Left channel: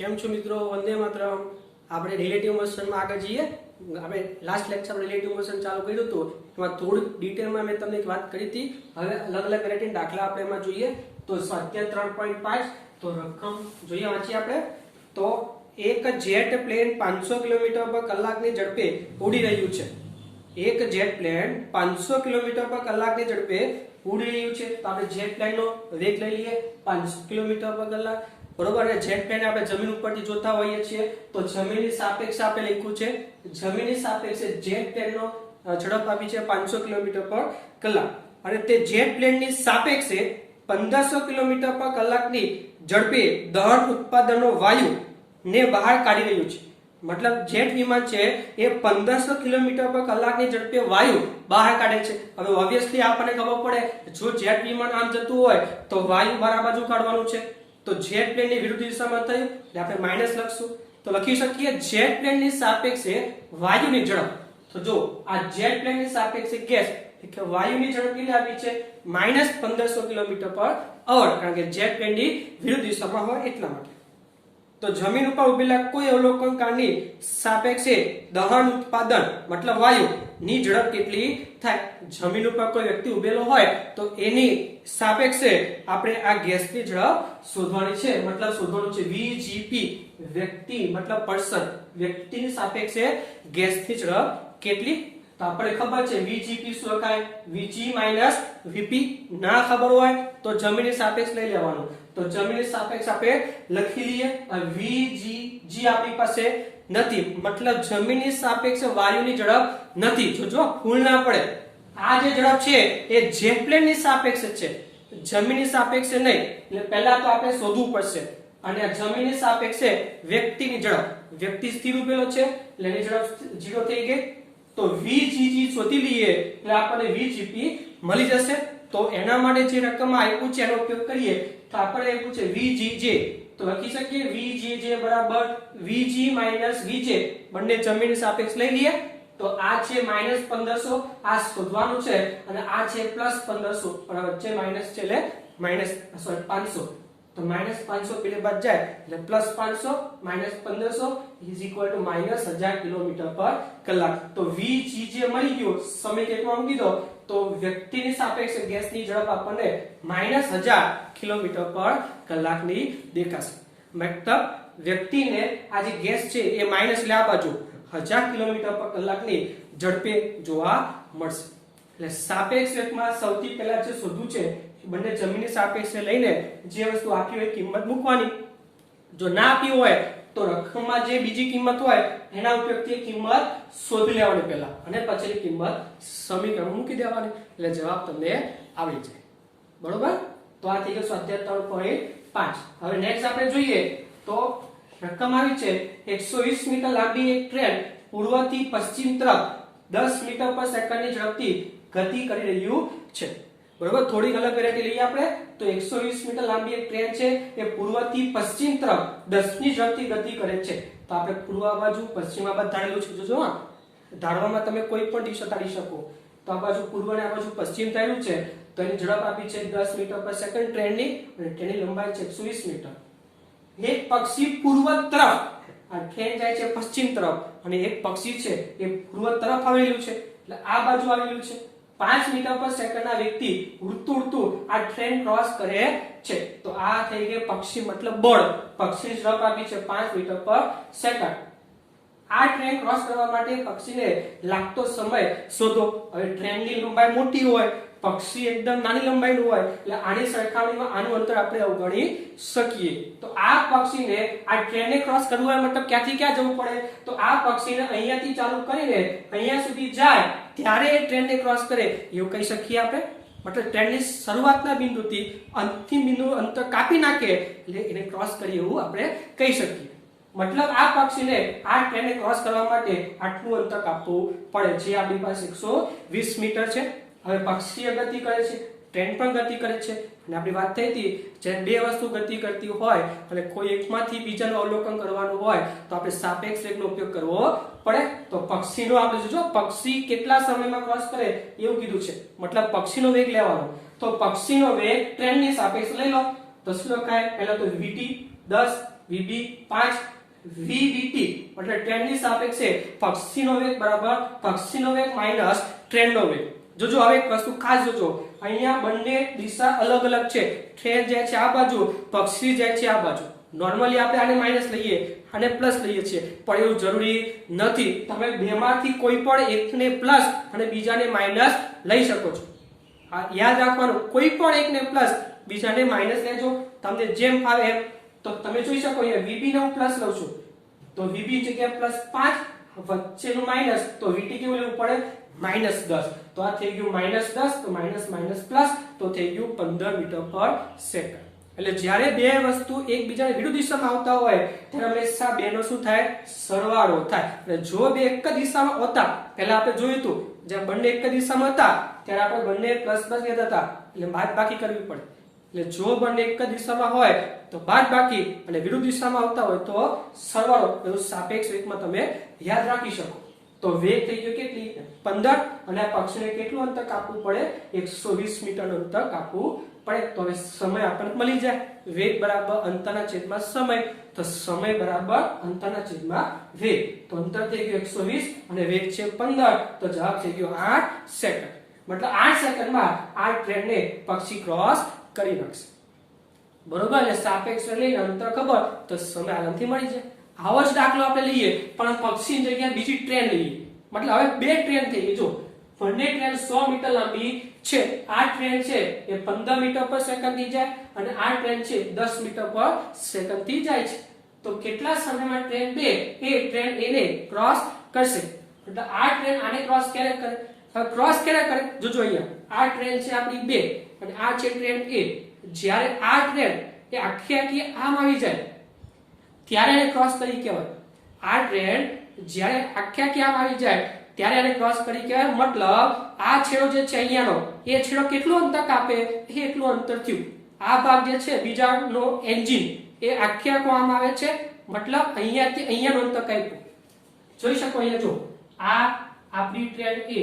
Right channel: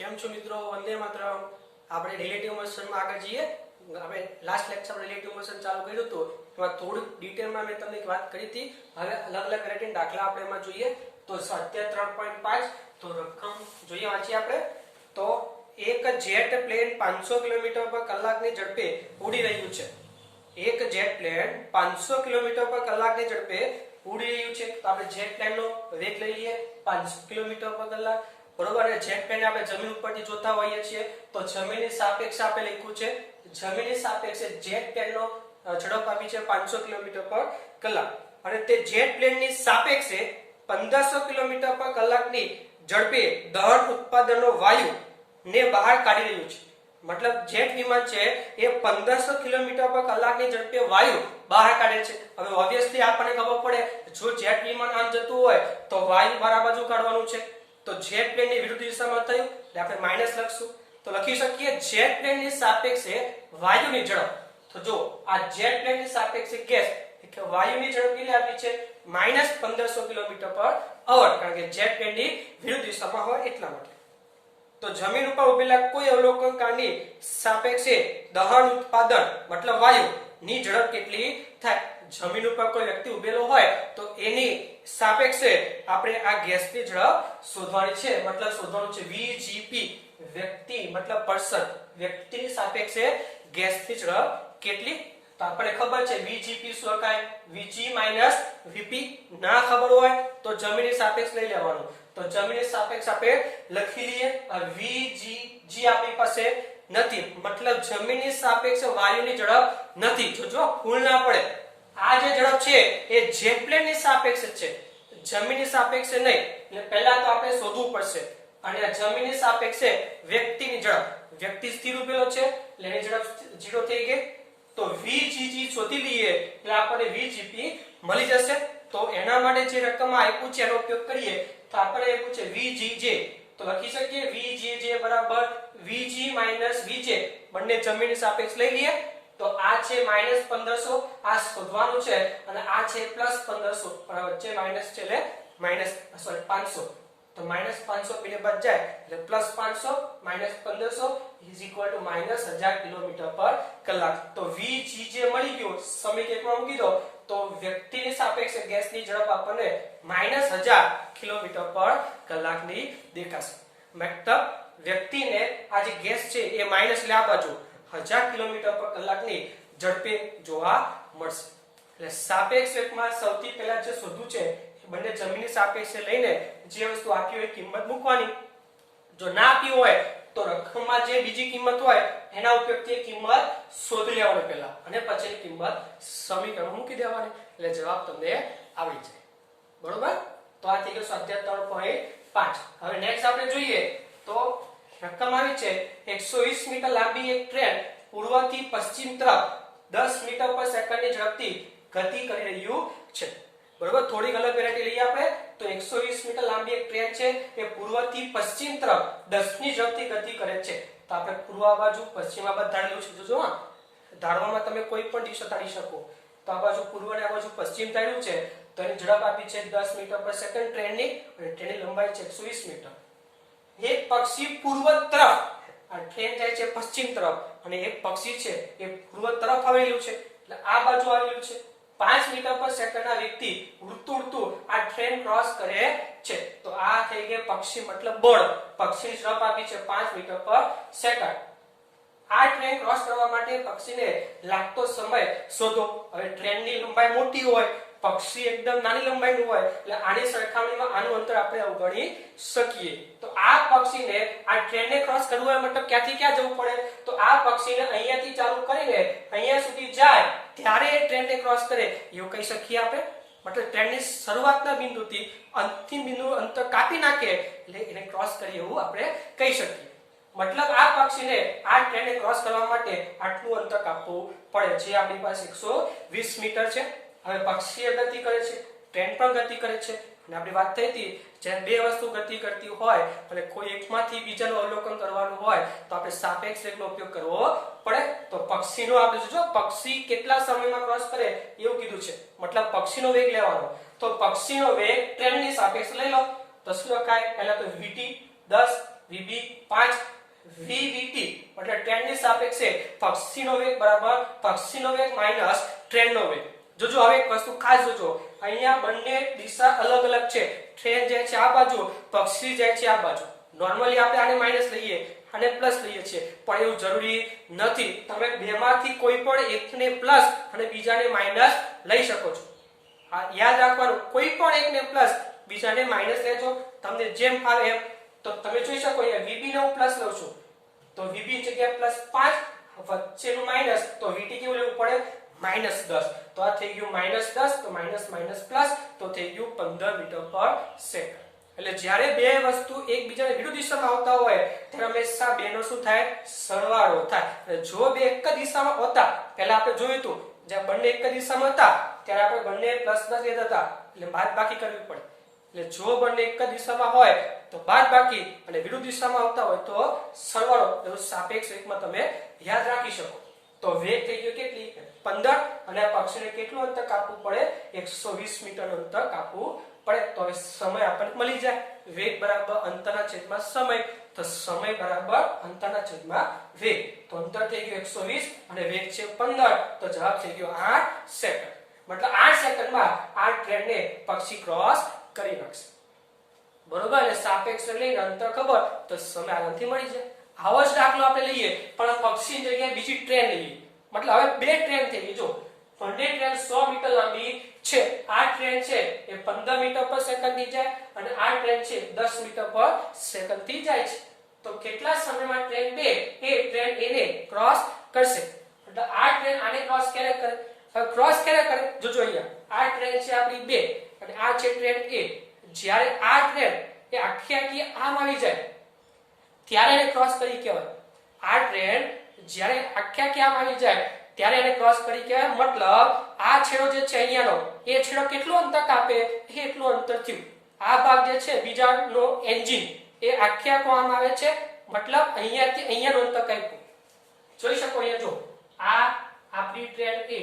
કેમ છો મિત્રો? વંદે માતરમ. આપણે રિલેટિવ મોશનમાં આગળ જઈએ. આપણે લાસ્ટ લેક્ચર રિલેટિવ મોશન ચાલુ કર્યું હતું, એમાં થોડુંક ડિટેલમાં મેં તમને એક વાત કરી હતી. હવે અલગ અલગ વેરાયટી દાખલા આપણે એમાં જોઈએ. તો સ્વાધ્યાય 3.5 તો રકમ જોઈએ, વાંચીએ આપણે. તો એક જેટ પ્લેન 500 કિલોમીટર પર કલાકની ઝડપે ઉડી રહ્યું છે. એક જેટ પ્લેન 500 કિલોમીટર પર કલાકની ઝડપે ઉડી રહ્યું છે. તો આપણે જેટ પ્લેનનો વેગ લઈ લઈએ 500 કિલોમીટર પર કલાક, બરોબર. અને જેટ પ્લેન આપણે જમીન ઉપરથી જોતા હોઈએ છીએ, તો જમીનની સાપેક્ષે આપણે લખ્યું છે, જમીનની સાપેક્ષે જેટ પ્લેનનો ઝડપ આપી છે 500 કિલોમીટર પર કલાક, અને તે જેટ પ્લેનની સાપેક્ષે 1500 કિલોમીટર પર કલાકની ઝડપે દહન ઉત્પાદનનો વાયુ ને બહાર કાઢી રહ્યું છે. મતલબ જેટ વિમાન છે એ 1500 કિલોમીટર પર કલાકની ઝડપે વાયુ બહાર કાઢે છે. હવે ઓબ્વિયસલી આપણને ખબર પડે, જો જેટ વિમાન આમ જતું હોય તો વાયુ બહાર બાજુ કાઢવાનું છે. તો જેટ પ્લેનની વિરુદ્ધ દિશામાં થયું એટલે આપણે માઈનસ લખશું. તો લખી શકીએ જેટ પ્લેનની સાપેક્ષે વાયુની ઝડપ. તો જો આ જેટ પ્લેનની સાપેક્ષે ગેસ એટલે વાયુની ઝડપ કેટલી આપી છે? -1500 કિલોમીટર પર અવર, કારણ કે જેટ પ્લેનની વિરુદ્ધ દિશામાં હોય એટલા માટે. તો જમીન ઉપર ઉભેલા કોઈ અવલોકનકારની સાપેક્ષે દહન ઉત્પાદન મતલબ વાયુ ની ઝડપ કેટલી થાય? જમીન ઉપર કોઈ વ્યક્તિ ઉભેલો હોય તો એની સાપેક્ષે આપણે આ ગેસની ઝડપ શોધવાની છે. મતલબ શોધવાનું છે VGP, વ્યક્તિ મતલબ પર્સન, વ્યક્તિની સાપેક્ષે ગેસની ઝડપ કેટલી? તો આપણને ખબર છે VGP શું લખાય? VG - VP. ના ખબર હોય તો જમીનની સાપેક્ષ લઈ લેવાનું. તો જમીનની સાપેક્ષ આપણે લખી લઈએ. VG આપણી પાસે નથી, મતલબ જમીનની સાપેક્ષે વાયુની ઝડપ નથી. જો ભૂલ ના પડે, આ જે ઝડપ છે એ જેટ પ્લેનની સાપેક્ષે છે, જમીનની સાપેક્ષે નહીં. એટલે પહેલા તો આપણે શોધવું પડશે. અને આ જમીનની સાપેક્ષે વ્યક્તિની ઝડપ, વ્યક્તિ સ્થિર ઉભેલો છે એટલે એની ઝડપ 0 થઈ ગઈ. તો VGG શોધી લઈએ એટલે આપણને VGP મળી જશે. તો એના માટે જે રકમ આપ્યું છે એનો ઉપયોગ કરીએ તો આપણને આપ્યું છે VGJ. તો લખી શકીએ VGJ બરાબર VG - VJ, બંને જમીનની સાપેક્ષ લઈ લઈએ. તો આ છે -1500, આ શોધવાનું છે, અને આ છે +1500, પણ વચ્ચે માઈનસ છે એટલે -500. તો -500 પેલે બાદ જાય એટલે +500 -1500 -1000 કિલોમીટર પર કલાક. તો VG જે મળી ગયો સમીકરણમાં મૂકી દો તો વ્યક્તિની સાપેક્ષે ગેસની ઝડપ આપણને -1000 કિલોમીટર પર કલાકની દેખાશે. મતલબ વ્યક્તિને આ જે ગેસ છે એ માઈનસ એટલે આ બાજુ 1000 કિલોમીટર પર કલાકની ઝડપે જોવા મળશે. એટલે સાપેક્ષ વેગમાં સૌથી પહેલા જે શોધવું છે બંને જમીનની સાપેક્ષે લઈને જે વસ્તુ આપી હોય કિંમત મૂકવાની. જો ના આપી હોય તો રકમમાં જે બીજી કિંમત હોય એના ઉપયોગથી કિંમત શોધી લેવાની પહેલા, અને પછીની કિંમત સમીકરણ મૂકી દેવાની. એટલે જવાબ તમને આવડી જાય. બરોબર. તો આ થઈ ગયો સ્વાધ્યાય 3.5. હવે નેક્સ્ટ આપણે જોઈએ તો રકમ આવી છે 120 મીટર લાંબી એક ટ્રેન પૂર્વથી પશ્ચિમ તરફ 10 મીટર પર સેકન્ડની ઝડપથી ગતિ કરી રહ્યું છે. બરોબર. થોડી અલગ વેરાયટી લઈએ આપણે. તો 120 મીટર લાંબી એક ટ્રેન છે એ પૂર્વથી પશ્ચિમ તરફ 10 ની ઝડપથી ગતિ કરે છે. તો આપણે પૂર્વ બાજુ પશ્ચિમ બાજુ ધારેલું છે. જોજો હા, ધારવામાં તમે કોઈ પણ દિશા ધારી શકો. તો આ બાજુ પૂર્વ અને આ બાજુ પશ્ચિમ ધાર્યું છે. તો એની ઝડપ આપી છે 10 મીટર પર સેકન્ડ ટ્રેનની, અને ટ્રેનની લંબાઈ છે 120 મીટર. એક પક્ષી પૂર્વ તરફ, આ ટ્રેન જાય છે પશ્ચિમ તરફ, અને એક પક્ષી છે એ પૂર્વ તરફ આવેલું છે, એટલે આ બાજુ આવેલું છે. 5 મીટર પર સેકન્ડના વેગથી ઉડતું આ ટ્રેન ક્રોસ કરે છે. તો આ થઈ ગઈ પક્ષી મતલબ બળ. પક્ષીની ઝડપ આપી છે 5 મીટર પર સેકન્ડ. આ ટ્રેન ક્રોસ કરવા માટે પક્ષીને લાગતો સમય શોધો. હવે ટ્રેનની લંબાઈ મોટી હોય, પક્ષી એકદમ નાની લંબાઈનું હોય, એટલે આની સરખામણીમાં આનું અંતર આપણે અવગણી શકીએ. તો આ પક્ષીને આ ટ્રેનને ક્રોસ કરવું હોય મતલબ ક્યાંથી ક્યાં જવું પડે? તો આ પક્ષીને અહીંયાથી ચાલુ કરીને અહીંયા સુધી જાય ત્યારે એ ટ્રેનને ક્રોસ કરે એવું કહી શકીએ આપણે. મતલબ ટ્રેનની શરૂઆતના બિંદુથી અંતિમ બિંદુ અંતર કાપી નાખે એટલે એને ક્રોસ કરીએ એવું આપણે કહી શકીએ. મતલબ આ પક્ષીને આ ટ્રેનને ક્રોસ કરવા માટે આટલું અંતર કાપવું પડે, જે આપણી પાસે 120 મીટર છે. હવે પક્ષી ગતિ કરે છે, ટ્રેન પણ ગતિ કરે છે, અને આપણી વાત થઈ હતી જ્યારે બે વસ્તુ ગતિ કરતી હોય અને કોઈ એકમાંથી બીજાનું અવલોકન કરવાનું હોય તો આપણે સાપેક્ષ વેગનો ઉપયોગ કરવો પડે. તો પક્ષીનો આપણે જોજો પક્ષી કેટલા સમયમાં ક્રોસ કરે એવું કીધું છે, મતલબ પક્ષીનો વેગ લેવાનો. તો પક્ષીનો વેગ ટ્રેનની સાપેક્ષ લઈ લો તો શું લખાય? પહેલા તો VT 10 વીબી 5 વીવીટી એટલે ટ્રેનની સાપેક્ષે પક્ષીનો વેગ બરાબર પક્ષીનો વેગ માઈનસ ટ્રેનનો વેગ. જોજો હવે એક વસ્તુ ખાસ જોજો, અહીંયા બંને દિશા અલગ અલગ છે. ટ્રેન જાય છે આ બાજુ, પક્ષી જાય છે આ બાજુ. નોર્મલી આપણે આને માઈનસ લઈએ અને પ્લસ લઈએ છીએ, પણ એવું જરૂરી નથી. તમે બેમાંથી કોઈ પણ એકને પ્લસ અને બીજાને માઈનસ લઈ શકો છો. આ યાદ રાખવાનું, કોઈ પણ એકને પ્લસ બીજાને માઈનસ લેજો, તમને જેમ ફાવે એમ. તો તમે જોઈ શકો અહીંયા વીબી ને હું પ્લસ લઉં છું, તો વીબી જગ્યાએ પ્લસ 5 વચ્ચેનું માઈનસ, તો વીટી કેવું લેવું પડે માઈનસ 10. તો આ થઈ ગયું માઈનસ 10, તો માઈનસ માઈનસ પ્લસ, તો થઈ ગયું 15 મીટર પર સેકન્ડ. એટલે જ્યારે બે વસ્તુ એકબીજાની વિરુદ્ધ દિશામાં આવતા હોય ત્યારે હંમેશા બેનો શું થાય સરવાળો થાય. એટલે જો બે એક જ દિશામાં હતા, પહેલા આપણે જોયું હતું જ્યાં બંને એક જ દિશામાં હતા ત્યારે આપણે બંને પ્લસ પ્લસ લેતા હતા, એટલે બાદબાકી કરવી પડે. એટલે જો બંને એક જ દિશામાં હોય તો બાદબાકી અને વિરુદ્ધ દિશામાં આવતા હોય તો સરવાળો. એવું સાપેક્ષ વેગમાં તમે યાદ રાખી શકો. તો વેગ થઈ ગયો કેટલી 15, અને આ પક્ષીને કેટલું અંતર કાપવું પડે 120 મીટરનું અંતર કાપવું પડે. તો હવે સમય આપણને મળી જાય, વેગ બરાબર અંતરના છેદમાં સમય, તો સમય બરાબર અંતરના છેદમાં વેગ. તો અંતર થઈ ગયું 120 અને વેગ છે 15, તો જવાબ થઈ ગયો 8 સેકન્ડ. મતલબ 8 સેકન્ડમાં આ ટ્રેનને પક્ષી ક્રોસ કરી નાખશે. બરોબર, એટલે સાપેક્ષ લઈને અંતર ખબર તો સમય આરામથી મળી જાય. આવો જ દાખલો આપણે લઈએ પણ પક્ષીની જગ્યાએ બીજી ટ્રેન લઈએ. મતલબ હવે બે ટ્રેન થઈ ગઈ. જો બંને ટ્રેન 100 મીટર લાંબી છે, આ ટ્રેન છે એ 15 મીટર પર સેકન્ડ થી જાય અને આ ટ્રેન છે 10 મીટર પર સેકન્ડ થી જાય છે. તો કેટલા સમયમાં ટ્રેન 2 એ ટ્રેન A ને ક્રોસ કરશે? એટલે આ ટ્રેન આને ક્રોસ ક્યારે કરે? હવે ક્રોસ ક્યારે કરે? જોજો અહીંયા આ ટ્રેન છે આપણી 2 અને આ છે ટ્રેન A. જ્યારે આ ટ્રેન એ આખી આખી આમ આવી જાય ત્યારે એને ક્રોસ કરી કહેવાય. આ ટ્રેન જ્યારે આખી આખી આમ આવી જાય ત્યારે એને ક્રોસ કરી કહેવાય. મતલબ આ છેડો જે છે અહીંયાનો, એ છેડો કેટલું અંતર કાપે એટલું અંતર થયું. આ ભાગ જે છે બીજાનો એન્જિન એ આખી આખો આમ આવે છે, મતલબ અહીંયાથી અહીંયાનું અંતર કાપ્યું. જોઈ શકો અહીંયા જો આ આપણી ટ્રેન A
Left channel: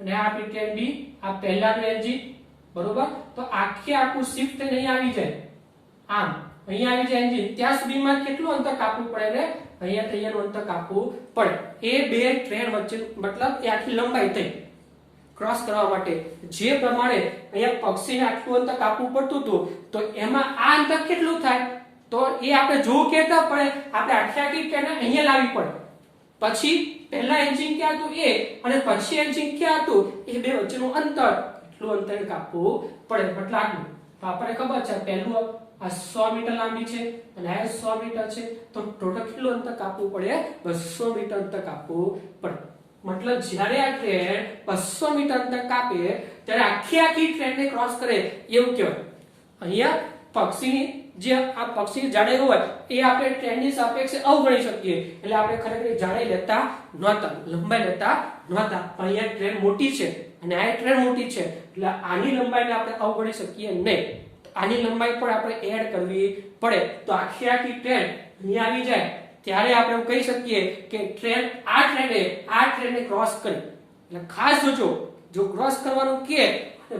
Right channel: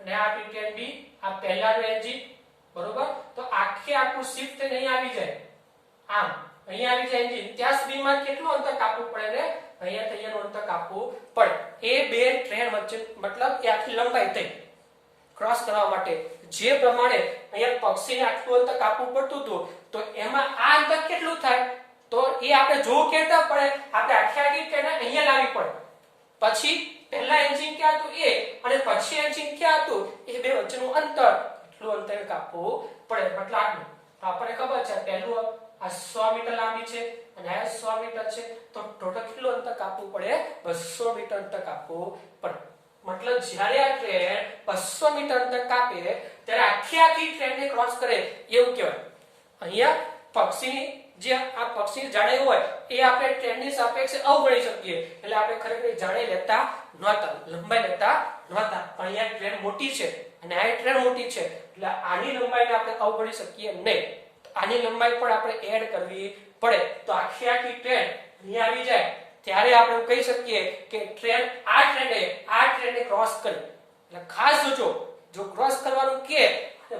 અને આ આપણી ટ્રેન B, આ પહેલાનું એન્જિન બરોબર. તો આખે આખું શિફ્ટ નહીં આવી જાય આમ, અહીંયા આવી જાય એન્જિન, ત્યાં સુધીમાં કેટલું અંતર કાપવું પડે ને અહીંયાથી અહીંયાનું અંતર કાપવું પડે. એ બે ટ્રેન વચ્ચે મતલબ એ આખી લંબાઈ થઈ ક્રોસ કરવા માટે. જે પ્રમાણે અહીંયા પક્ષીને આટલું અંતર કાપવું પડતું હતું તો એમાં આ અંતર કેટલું થાય તો એ આપણે જોવું કેતા પડે, આપણે આખી આખી ટ્રેન અહીંયા લાવવી પડે. પછી પહેલા એન્જિન ક્યાં હતું એ અને પછી એન્જિન ક્યાં હતું એ બે વચ્ચેનું અંતર એટલું અંતર કાપવું પડે. મતલબ આટલું તો આપણને ખબર છે પહેલું આ 100 મીટર લાંબી છે અને આ 100 મીટર છે, તો ટોટલ કેટલું અંતર કાપવું પડે 200 મીટર અંતર કાપવું પડે. મતલબ જ્યારે આ ટ્રેન 200 મીટર અંતર કાપે ત્યારે આખી આખી ટ્રેનને ક્રોસ કરે એવું કહેવાય. અહીંયા પક્ષીની જે આ પક્ષી જાડાઈ હોય એ આપણે ટ્રેનની સાપેક્ષે અવગણી શકીએ, એટલે આપણે ખરેખર જાડાઈ લેતા નહોતા, લંબાઈ લેતા નહોતા. પણ અહીંયા ટ્રેન મોટી છે અને આ ટ્રેન મોટી છે એટલે આની લંબાઈને આપણે અવગણી શકીએ નહીં. આની લંબાઈ પણ આપણે એડ કરવી પડે. તો આખી આખી ટ્રેન અહીંયા આવી જાય ત્યારે આપણે કહી શકીએ કે ટ્રેન આ ટ્રેનને ક્રોસ કરી. એટલે ખાસ જોજો, જો ક્રોસ કરવાનું કે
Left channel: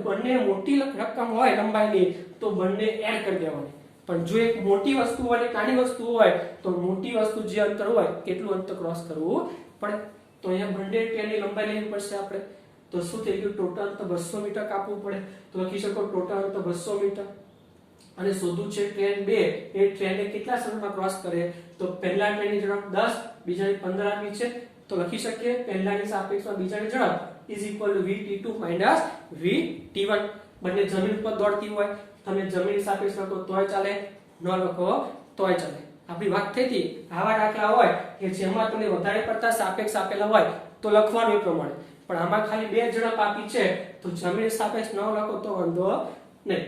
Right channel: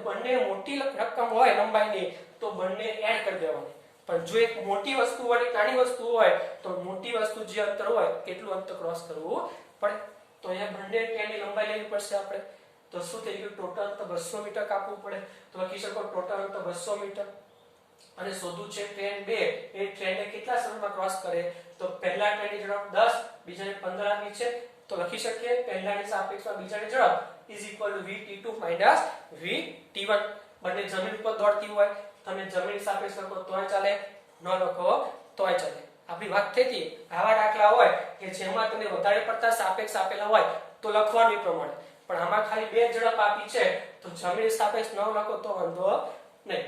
બંને મોટી રકમ હોય લંબાઈની તો બંને એડ કરી દેવાની. પણ જો એક મોટી વસ્તુ હોય નાની વસ્તુ હોય તો મોટી વસ્તુ જે અંતર હોય એટલું અંતર ક્રોસ કરવું પડે. તો અહીંયા બંને ટ્રેનની લંબાઈ લેવી પડશે આપણે. તો શું થઈ ગયું? ટોટલ અંતર 200 મીટર કાપવું પડે. તો લખી શકો ટોટલ અંતર 200 મીટર. અને શોધવું છે ટ્રેન 2 એ ટ્રેનને કેટલા સમયમાં ક્રોસ કરે? તો પહેલા ટ્રેનની ઝડપ 10, બીજાની 15 આપી છે, તો લખી શકીએ પહેલાની સાપેક્ષમાં બીજાની ઝડપ =vt2 - vt1. બંને જમીન ઉપર દોડતી હોય, તમે જમીન સાપેક્ષ લખો તોય ચાલે, ન લખો તોય ચાલે. આપણી વાત થઈ હતી આવા દાખલા હોય કે જેમાં તમને વધારે પડતા સાપેક્ષ આપેલા હોય તો લખવાનું એ પ્રમાણે. પણ આમાં ખાલી બે ઝડપ આપી છે તો જમીન સાપેક્ષ ન લખો તો વાંધો નહીં.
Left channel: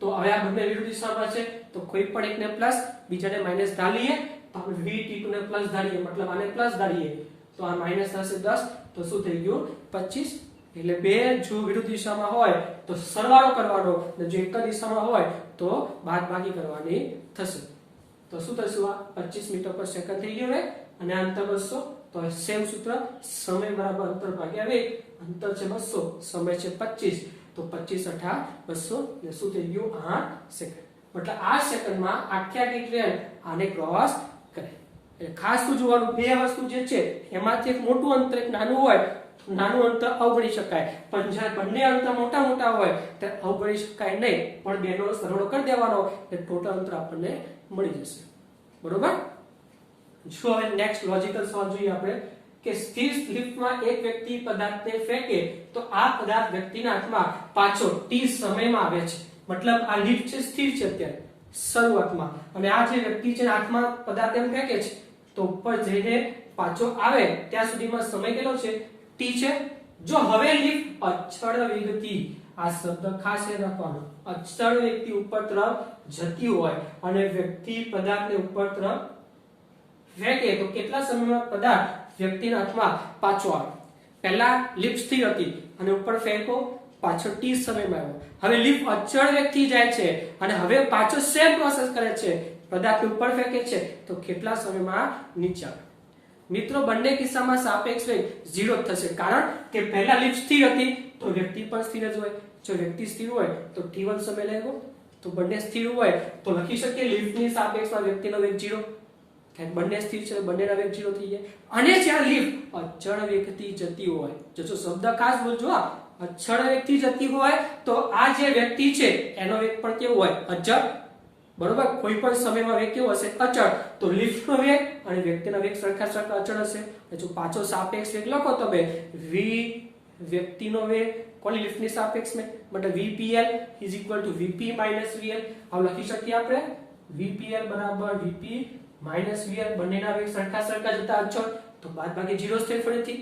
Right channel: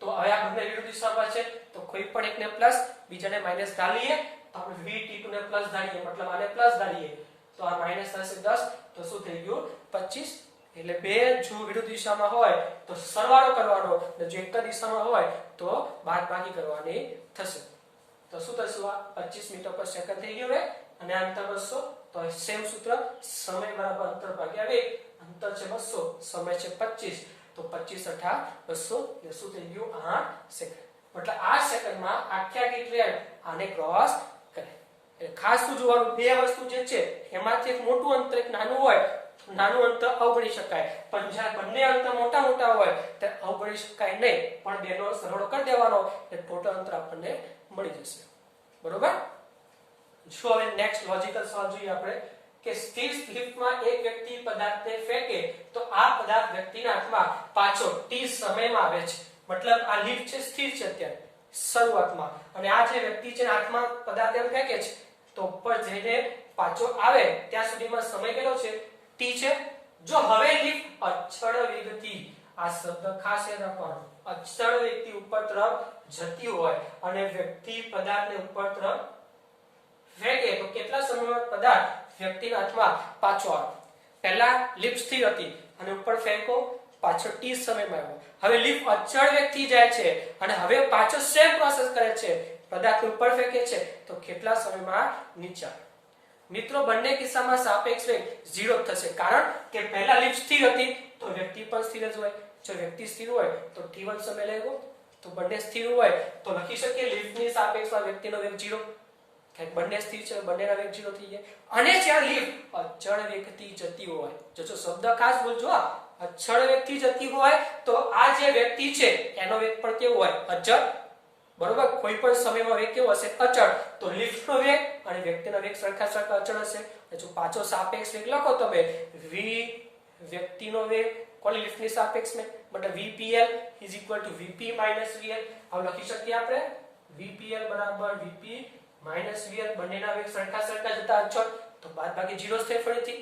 તો હવે આ બંને વિરુદ્ધ દિશામાં છે તો કોઈ પણ એકને પ્લસ બીજાને માઈનસ ધારીએ. તો આપણે vt2 ને પ્લસ ધારીએ, મતલબ આને પ્લસ ધારીએ તો આ માઈનસ થશે 10, તો શું થઈ ગયું 25. એટલે બે જો વિરુદ્ધ દિશામાં હોય તો સરવાળો કરવાનો અને જો એક જ દિશામાં હોય તો બાદબાકી કરવાની થશે. તો શું થશે? આ 25 મીટર પર સેકન્ડ થઈ ગયું અને અંતર 200. તો સેમ સૂત્ર, સમય બરાબર અંતર ભાગ્યા વેગ. અંતર છે 200, સમય છે 25, તો 25 × 8 = 200, એ શું થઈ ગયું 8 સેકન્ડ. એટલે આ સેકન્ડમાં આખી આખી ટ્રેન આને ક્રોસ કરે. એટલે ખાસ શું જોવાનું, બે વસ્તુ જે છે એમાંથી એક મોટું અંતર એક નાનું હોય, નાનું અંતર અવગણી શકાય, પણ જ્યારે બંને અંતર મોટા મોટા હોય તો અવગણી શકાય નહીં, પણ બેનો સરવાળો કરી દેવાનો એટલે ટોટલ અંતર આપણને મળી જશે. બરોબર. જો હવે નેક્સ્ટ લોજિકલ સવાલ જોઈએ આપણે કે સ્થિર લિફ્ટમાં એક વ્યક્તિ પદાર્થને ફેંકે તો આ પદાર્થ વ્યક્તિના હાથમાં પાછો t સમયમાં આવે છે. મતલબ આ લિફ્ટ છે સ્થિર છે અત્યારે શરૂઆતમાં, અને આ જે વ્યક્તિ છે હાથમાં પદાર્થ એમ ફેંકે છે તો ઉપર જઈને પાછો આવે ત્યાં સુધીમાં સમય કેટલો છે? t છે. જો હવે લિફ્ટ અચળ વેગથી, આ શબ્દ ખાસ યાદ રાખવાનો, અચળ વેગથી ઉપર તરફ જતી હોય અને વ્યક્તિ પદાર્થને ઉપર તરફ ફેંકે તો કેટલા સમયમાં પદાર્થ વ્યક્તિના હાથમાં પાછો આવે? પહેલા લિફ્ટ સ્થિર હતી અને ઉપર ફેંકો, પાછો t સમયમાં આવ્યો. હવે લિફ્ટ અચળ વેગથી જાય છે અને હવે પાછો સેમ પ્રોસેસ કરે છે, પદાર્થ ઉપર ફેંકે છે તો કેટલા સમયમાં નીચે આવે? મિત્રો બંને કિસ્સામાં સાપેક્ષ વેગ 0 થશે, કારણ કે પહેલા લિફ્ટ સ્થિર હતી તો વ્યક્તિ પણ સ્થિર જ હોય. જો વ્યક્તિ સ્થિર હોય તો t1 સમય લેવો, તો બંને સ્થિર હોય તો લખી શકીએ લિફ્ટની સાપેક્ષમાં વ્યક્તિનો વેગ 0. બંને સ્થિર છે, બંનેના વેગ 0 થઈ જાય. અને જ્યાં લિફ્ટ અચળ વેગથી જતી હોય, જો શબ્દ ખાસ બોલજો, અચળ વેગથી જતી હોય તો આ જે વ્યક્તિ છે એનો વેગ પણ કેવો હોય? અચળ. બરોબર. કોઈ પણ સમયમાં વેગ કેવો હશે? અચળ. તો લિફ્ટનો વેગ અને વ્યક્તિનો વેગ સરખા અચળ હશે. જો પાછો સાપેક્ષ વેગ લખો તમે, v વ્યક્તિનો વેગ કોની લિફ્ટની સાપેક્ષમાં, મતલબ vpl = vp - vl. આવું લખી શકીએ આપણે, vpl બરાબર vp - vl. બંનેના વેગ સરખા જતા અચળ તો બાદબાકી 0 થાય ફરીથી,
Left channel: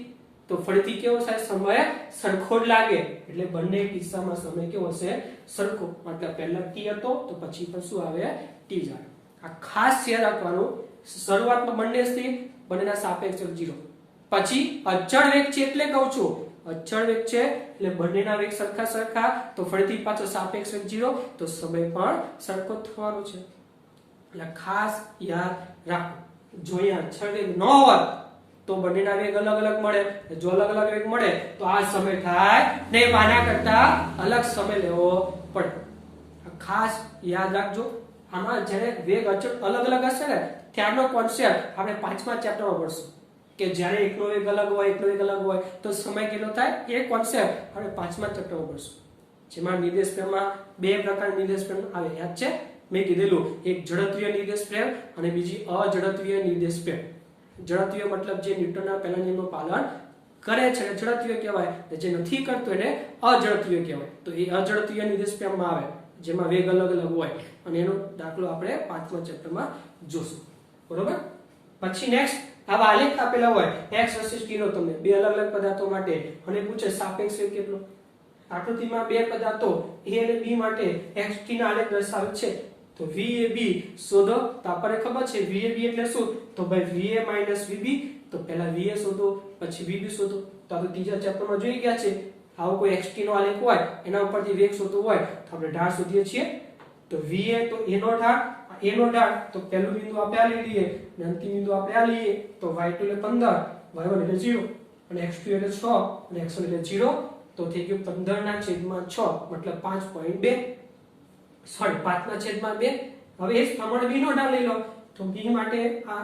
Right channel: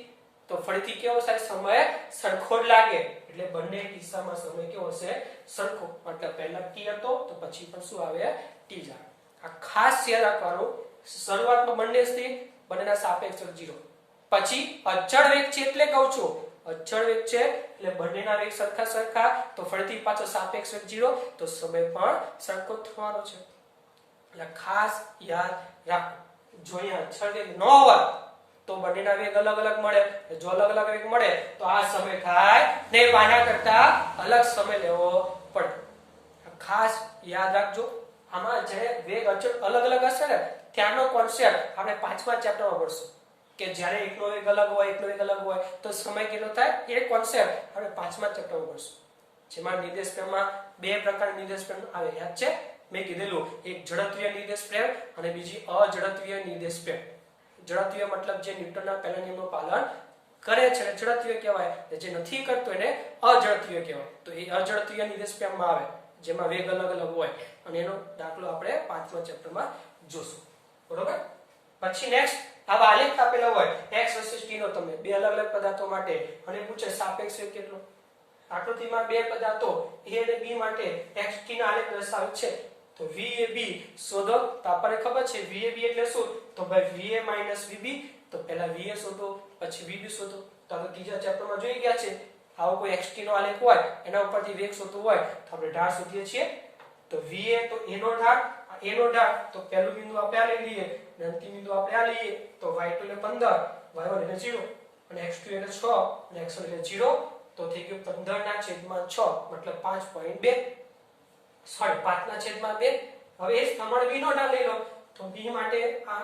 તો ફરીથી કેવો થાય? સમય સરખો જ લાગે. એટલે બંને કિસ્સામાં સમય કેવો હશે? સરખો. મતલબ પહેલા t હતો તો પછી પણ શું આવે? t જ આવે. આ ખાસ યાદ રાખવાનું, શરૂઆતમાં બંને સ્થિર, બંનેના સાપેક્ષ 0, પછી અચળ વેગ છે એટલે કહું છું, અચળ વેગ છે એટલે બંનેના વેગ સરખા તો ફરીથી પાછો સાપેક્ષ વેગ 0 તો સમય પણ સરખો થવાનો છે. એટલે ખાસ યાદ રાખો, જો અહીંયા અચળ વેગ ન હોય તો બંનેના વેગ અલગ મળે. જો અલગ વેગ મળે તો આ સમય થાય ને આના કરતા અલગ સમય લેવો પડે. ખાસ યાદ રાખજો. આમાં જ્યારે વેગ અચળ અલગ હશે ને ત્યારનો કોન્સેપ્ટ આપણે 5મા ચેપ્ટરમાં ભણશું, કે જ્યારે એકનો વેગ અલગ હોય એકનો વેગ અલગ હોય તો સમય કેટલો થાય, એ કોન્સેપ્ટ આપણે 5મા ચેપ્ટરમાં ભણશું. જેમાં નિર્દેશ પ્રેમમાં બે પ્રકારના નિર્દેશ પ્રેમ આવે, યાદ છે? મેં કીધેલું, એક ઝડપીય નિર્દેશ પ્રેમ અને બીજી અઝડપીય નિર્દેશ પ્રેમ. ઝડપીય મતલબ જે ન્યૂટનના પહેલા નિયમનું પાલન કરે છે ઝડપીય કહેવાય, જે નથી કરતો એને અઝડપીય કહેવાય. તો એ અઝડપીય નિર્દેશ પ્રેમમાં આવે જેમાં વેગ અલગ હોય, અને એનો દાખલો આપણે 5મા ચેપ્ટરમાં જોશું. બરોબર. પછી નેક્સ્ટ આવા આલેખ આપેલા હોય x વર્સિસ t નો, તમને બે અલગ પદાર્થો માટે, અને પૂછે સાપેક્ષ વેગ કેટલો. આકૃતિમાં બે પદાર્થો a અને b માટે x t ના આલેખ દર્શાવે છે. તો VAB શોધો. તો આપણને ખબર છે VAB એટલે શું? તો ભાઈ VA - VB. તો પહેલા VA શોધો પછી VB શોધો. તો આપણે ત્રીજા ચેપ્ટરમાં જોઈ ગયા છે, આવો કોઈ xt નો આલેખ હોય એના ઉપરથી વેગ શોધવો હોય તો આપણે ઢાળ શોધીએ છીએ. તો VA તો a નો ઢાળ, a નો ઢાળ તો પહેલું બિંદુ આપણે આ લઈ લઈએ અને અંતિમ બિંદુ આપણે આ લઈએ. તો y2 એટલે 15, y1 એટલે 0 અને x2 એટલે 6 અને x1 એટલે 0. તો થઈ ગયું 15/6 મતલબ 5.2. સોરી 5/2. હવે એ જ પ્રમાણે b નો ઢાળ લઈ લો. તો b માટે આ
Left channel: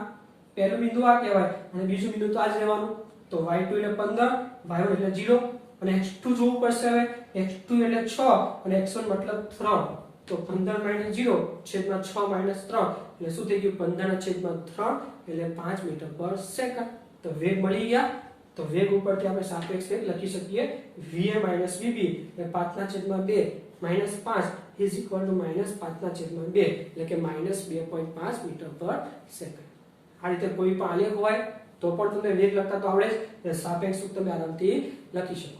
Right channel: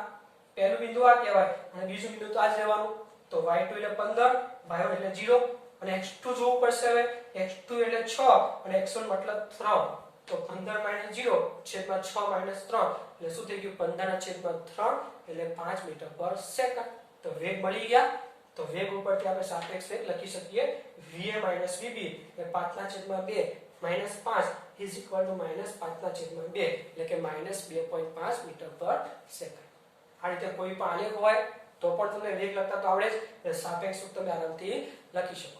પહેલું બિંદુ આ કહેવાય અને બીજું બિંદુ તો આ જ રહેવાનું. તો y2 એટલે 15, y1 એટલે 0 અને x2 જોવું પડશે. હવે x2 એટલે 6 અને x1 મતલબ 3. તો 15 - 0 છેદમાં 6 - 3 એટલે શું થઈ ગયું? 15/3 એટલે 5 મીટર/સેકન્ડ. તો વેગ મળી ગયા. તો વેગ ઉપરથી આપણે સાપેક્ષ વેગ લખી શકીએ VA - VB એટલે 5/2 - 5 is equal to -5/2 એટલે કે -2.5 મીટર/સેકન્ડ. આ રીતે કોઈ પણ આલેખ હોય તો પણ તમને વેગ લખતા તો આવડે જ, એટલે સાપેક્ષ વેગ તમે આરામથી લખી શકો.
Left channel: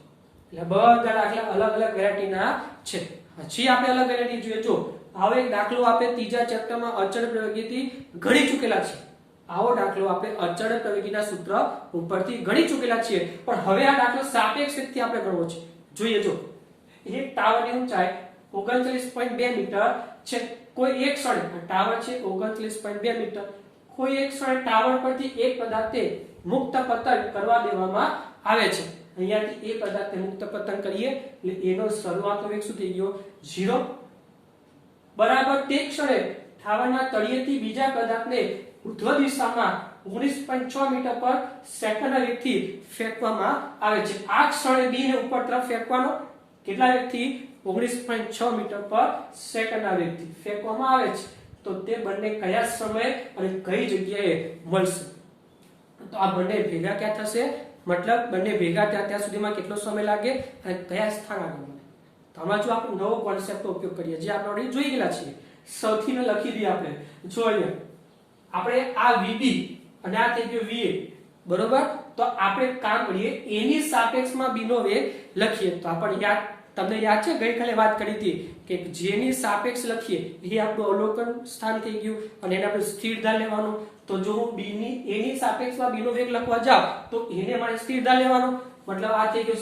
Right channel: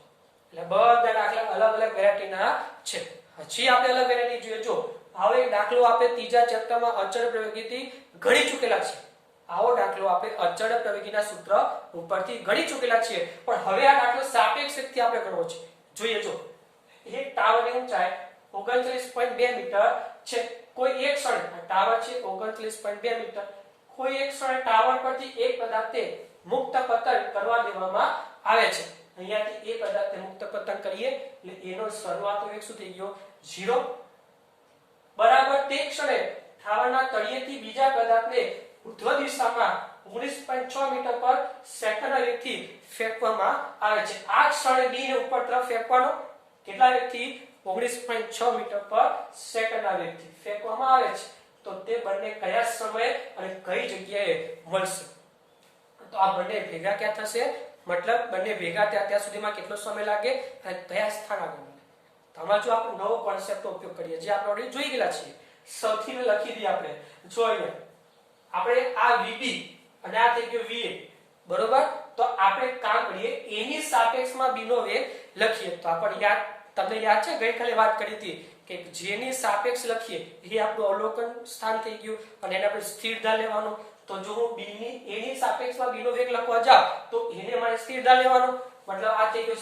એટલે બધા દાખલા અલગ વેરાયટીના છે. હજી આપણે અલગ વેરાયટી જોઈએ. જો આવો એક દાખલો આપણે ત્રીજા ચેપ્ટરમાં અચળ પ્રવેગીથી ગણી ચૂકેલા છે. આવો દાખલો આપણે અચળ પ્રવેગીના સૂત્ર ઉપરથી ગણી ચૂકેલા છીએ, પણ હવે આ દાખલો સાપેક્ષ વેગથી આપણે ગણવો છે. જોઈએ. જો એક ટાવરની ઊંચાઈ 39.2 મીટર છે. કોઈ એક ક્ષણે ટાવર છે 39.2 મીટર. કોઈ એક ક્ષણે ટાવર પરથી એક પદાર્થને મુક્ત પતન કરવા દેવામાં આવે છે. અહીંયાથી એ પદાર્થને મુક્ત પતન કરીએ એટલે એનો શરૂઆતનો વેગ શું થઈ ગયો? 0. બરાબર તે ક્ષણે ઠાવરના તળિયેથી બીજા પદાર્થને ઉર્ધ્વ દિશામાં 19.6 મીટર પર સેકન્ડના વેગથી ફેંકવામાં આવે છે. આ ક્ષણે બી ને ઉપર તરફ ફેંકવાનો કેટલા વેગથી 19.6 મીટર પર સેકન્ડના વેગથી ફેંકવામાં આવે છે. તો તે બંને કયા સમયે અને કઈ જગ્યાએ મળશે? તો આ બંને ભેગા ક્યાં થશે? મતલબ બંને ભેગા ત્યાં સુધીમાં કેટલો સમય લાગે અને કયા સ્થાન આગળ મળે? તો આમાં જો આપણે નવો કોન્સેપ્ટનો ઉપયોગ કરીએ જે આપણે ઓલરેડી જોઈ ગયેલા છીએ. સૌથી લખી દઈએ આપણે. જો અહીંયા આપણે આ VB અને આ થઈ ગયો VA, બરોબર? તો આપણે કામ કરીએ એની સાપેક્ષમાં B નો વેગ લખીએ. તો આપણને તમને યાદ છે ગઈકાલે વાત કરી હતી કે જેની સાપેક્ષ લખીએ એ આપણું અવલોકન સ્થાન થઈ ગયું અને એને આપણે સ્થિર ધાર લેવાનો. તો જો હું એની સાપેક્ષમાં B નો વેગ લખવા જાઉં તો એને મારે સ્થિર ધાર લેવાનો. મતલબ આ થઈ ગયો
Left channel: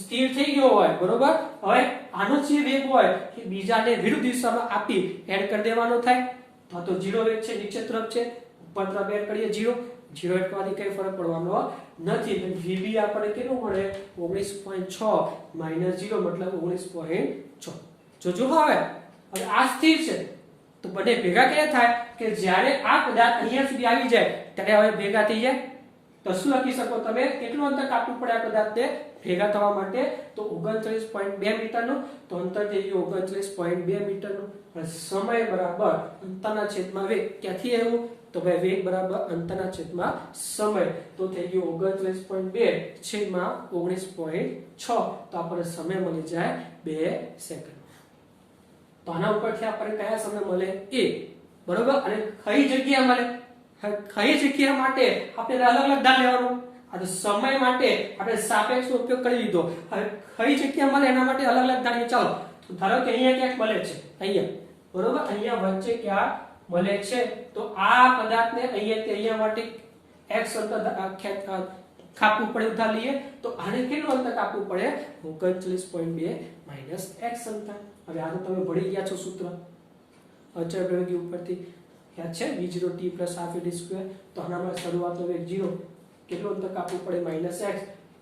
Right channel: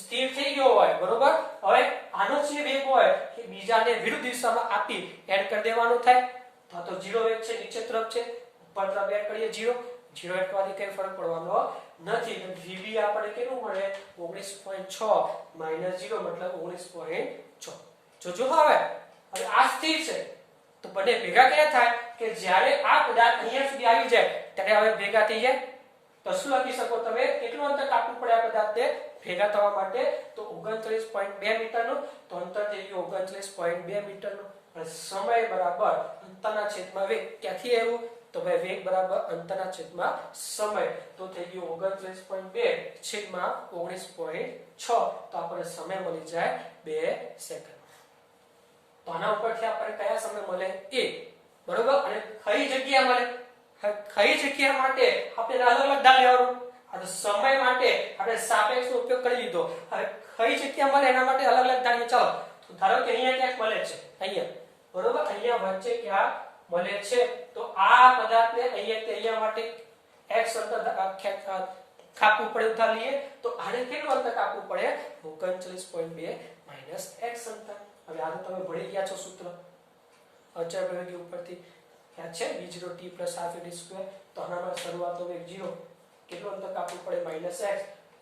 સ્થિર થઈ ગયો હોય, બરોબર? હવે આનો જે વેગ હોય એ બીજાને વિરુદ્ધ દિશામાં આપી એડ કરી દેવાનો થાય. તો 0 વેગ છે, નીચે તરફ છે, ઉપર તરફ એડ કરીએ 0 એડ કરવાથી કઈ ફરક પડવાનો નથી. તો VB આપણને કેટલું મળે? 19.6 માઈનસ 0 મતલબ 19.6. જો હવે આ સ્થિર છે તો બંને ભેગા ક્યાં થાય કે જ્યારે આ પદાર્થ અહીંયા સુધી આવી જાય ત્યારે હવે ભેગા થઈ જાય. તો શું લખી શકો તમે? કેટલું અંતર કાપવું પડે આ પદાર્થને ભેગા થવા માટે? તો 39.2 મીટરનું. તો અંતર થઈ ગયું 39.2 મીટરનું. અને સમય બરાબર અંતરના છેદમાં વેગ. ક્યાંથી આવ્યું? તો ભાઈ વેગ બરાબર અંતરના છેદમાં સમય. તો થઈ ગયું 39.2 છેદમાં 19.6. તો આપણને સમય મળી જાય 2 સેકન્ડ. તો આના ઉપરથી આપણને કયા સમય મળે? A, બરોબર? અને કઈ જગ્યા મળે? કઈ જગ્યા માટે આપણે અલગ અલગ ધાર લેવાનું. આ તો સમય માટે આપણે સાપેક્ષનો ઉપયોગ કરી લીધો. હવે કઈ જગ્યા મળે એના માટે અલગ અલગ ધારીએ. ચાલો, તો ધારો કે અહીંયા ક્યાંક મળે છે, અહીંયા, બરોબર? અહીંયા વચ્ચે ક્યાં મળે છે? તો આ પદાર્થને અહીંયા માટે x અંતર કાપવું પડે. ધાર લઈએ તો આને કેટલું અંતર કાપવું પડે? 39.2 માઈનસ x અંતર. હવે આ તો તમે ભણી ગયા છો સૂત્ર અચળ પ્રવેગી ઉપરથી યાદ છે v0 t plus half a d square. તો આનામાં શરૂઆતનો વેગ 0, કેટલું અંતર કાપવું પડે? Minus x.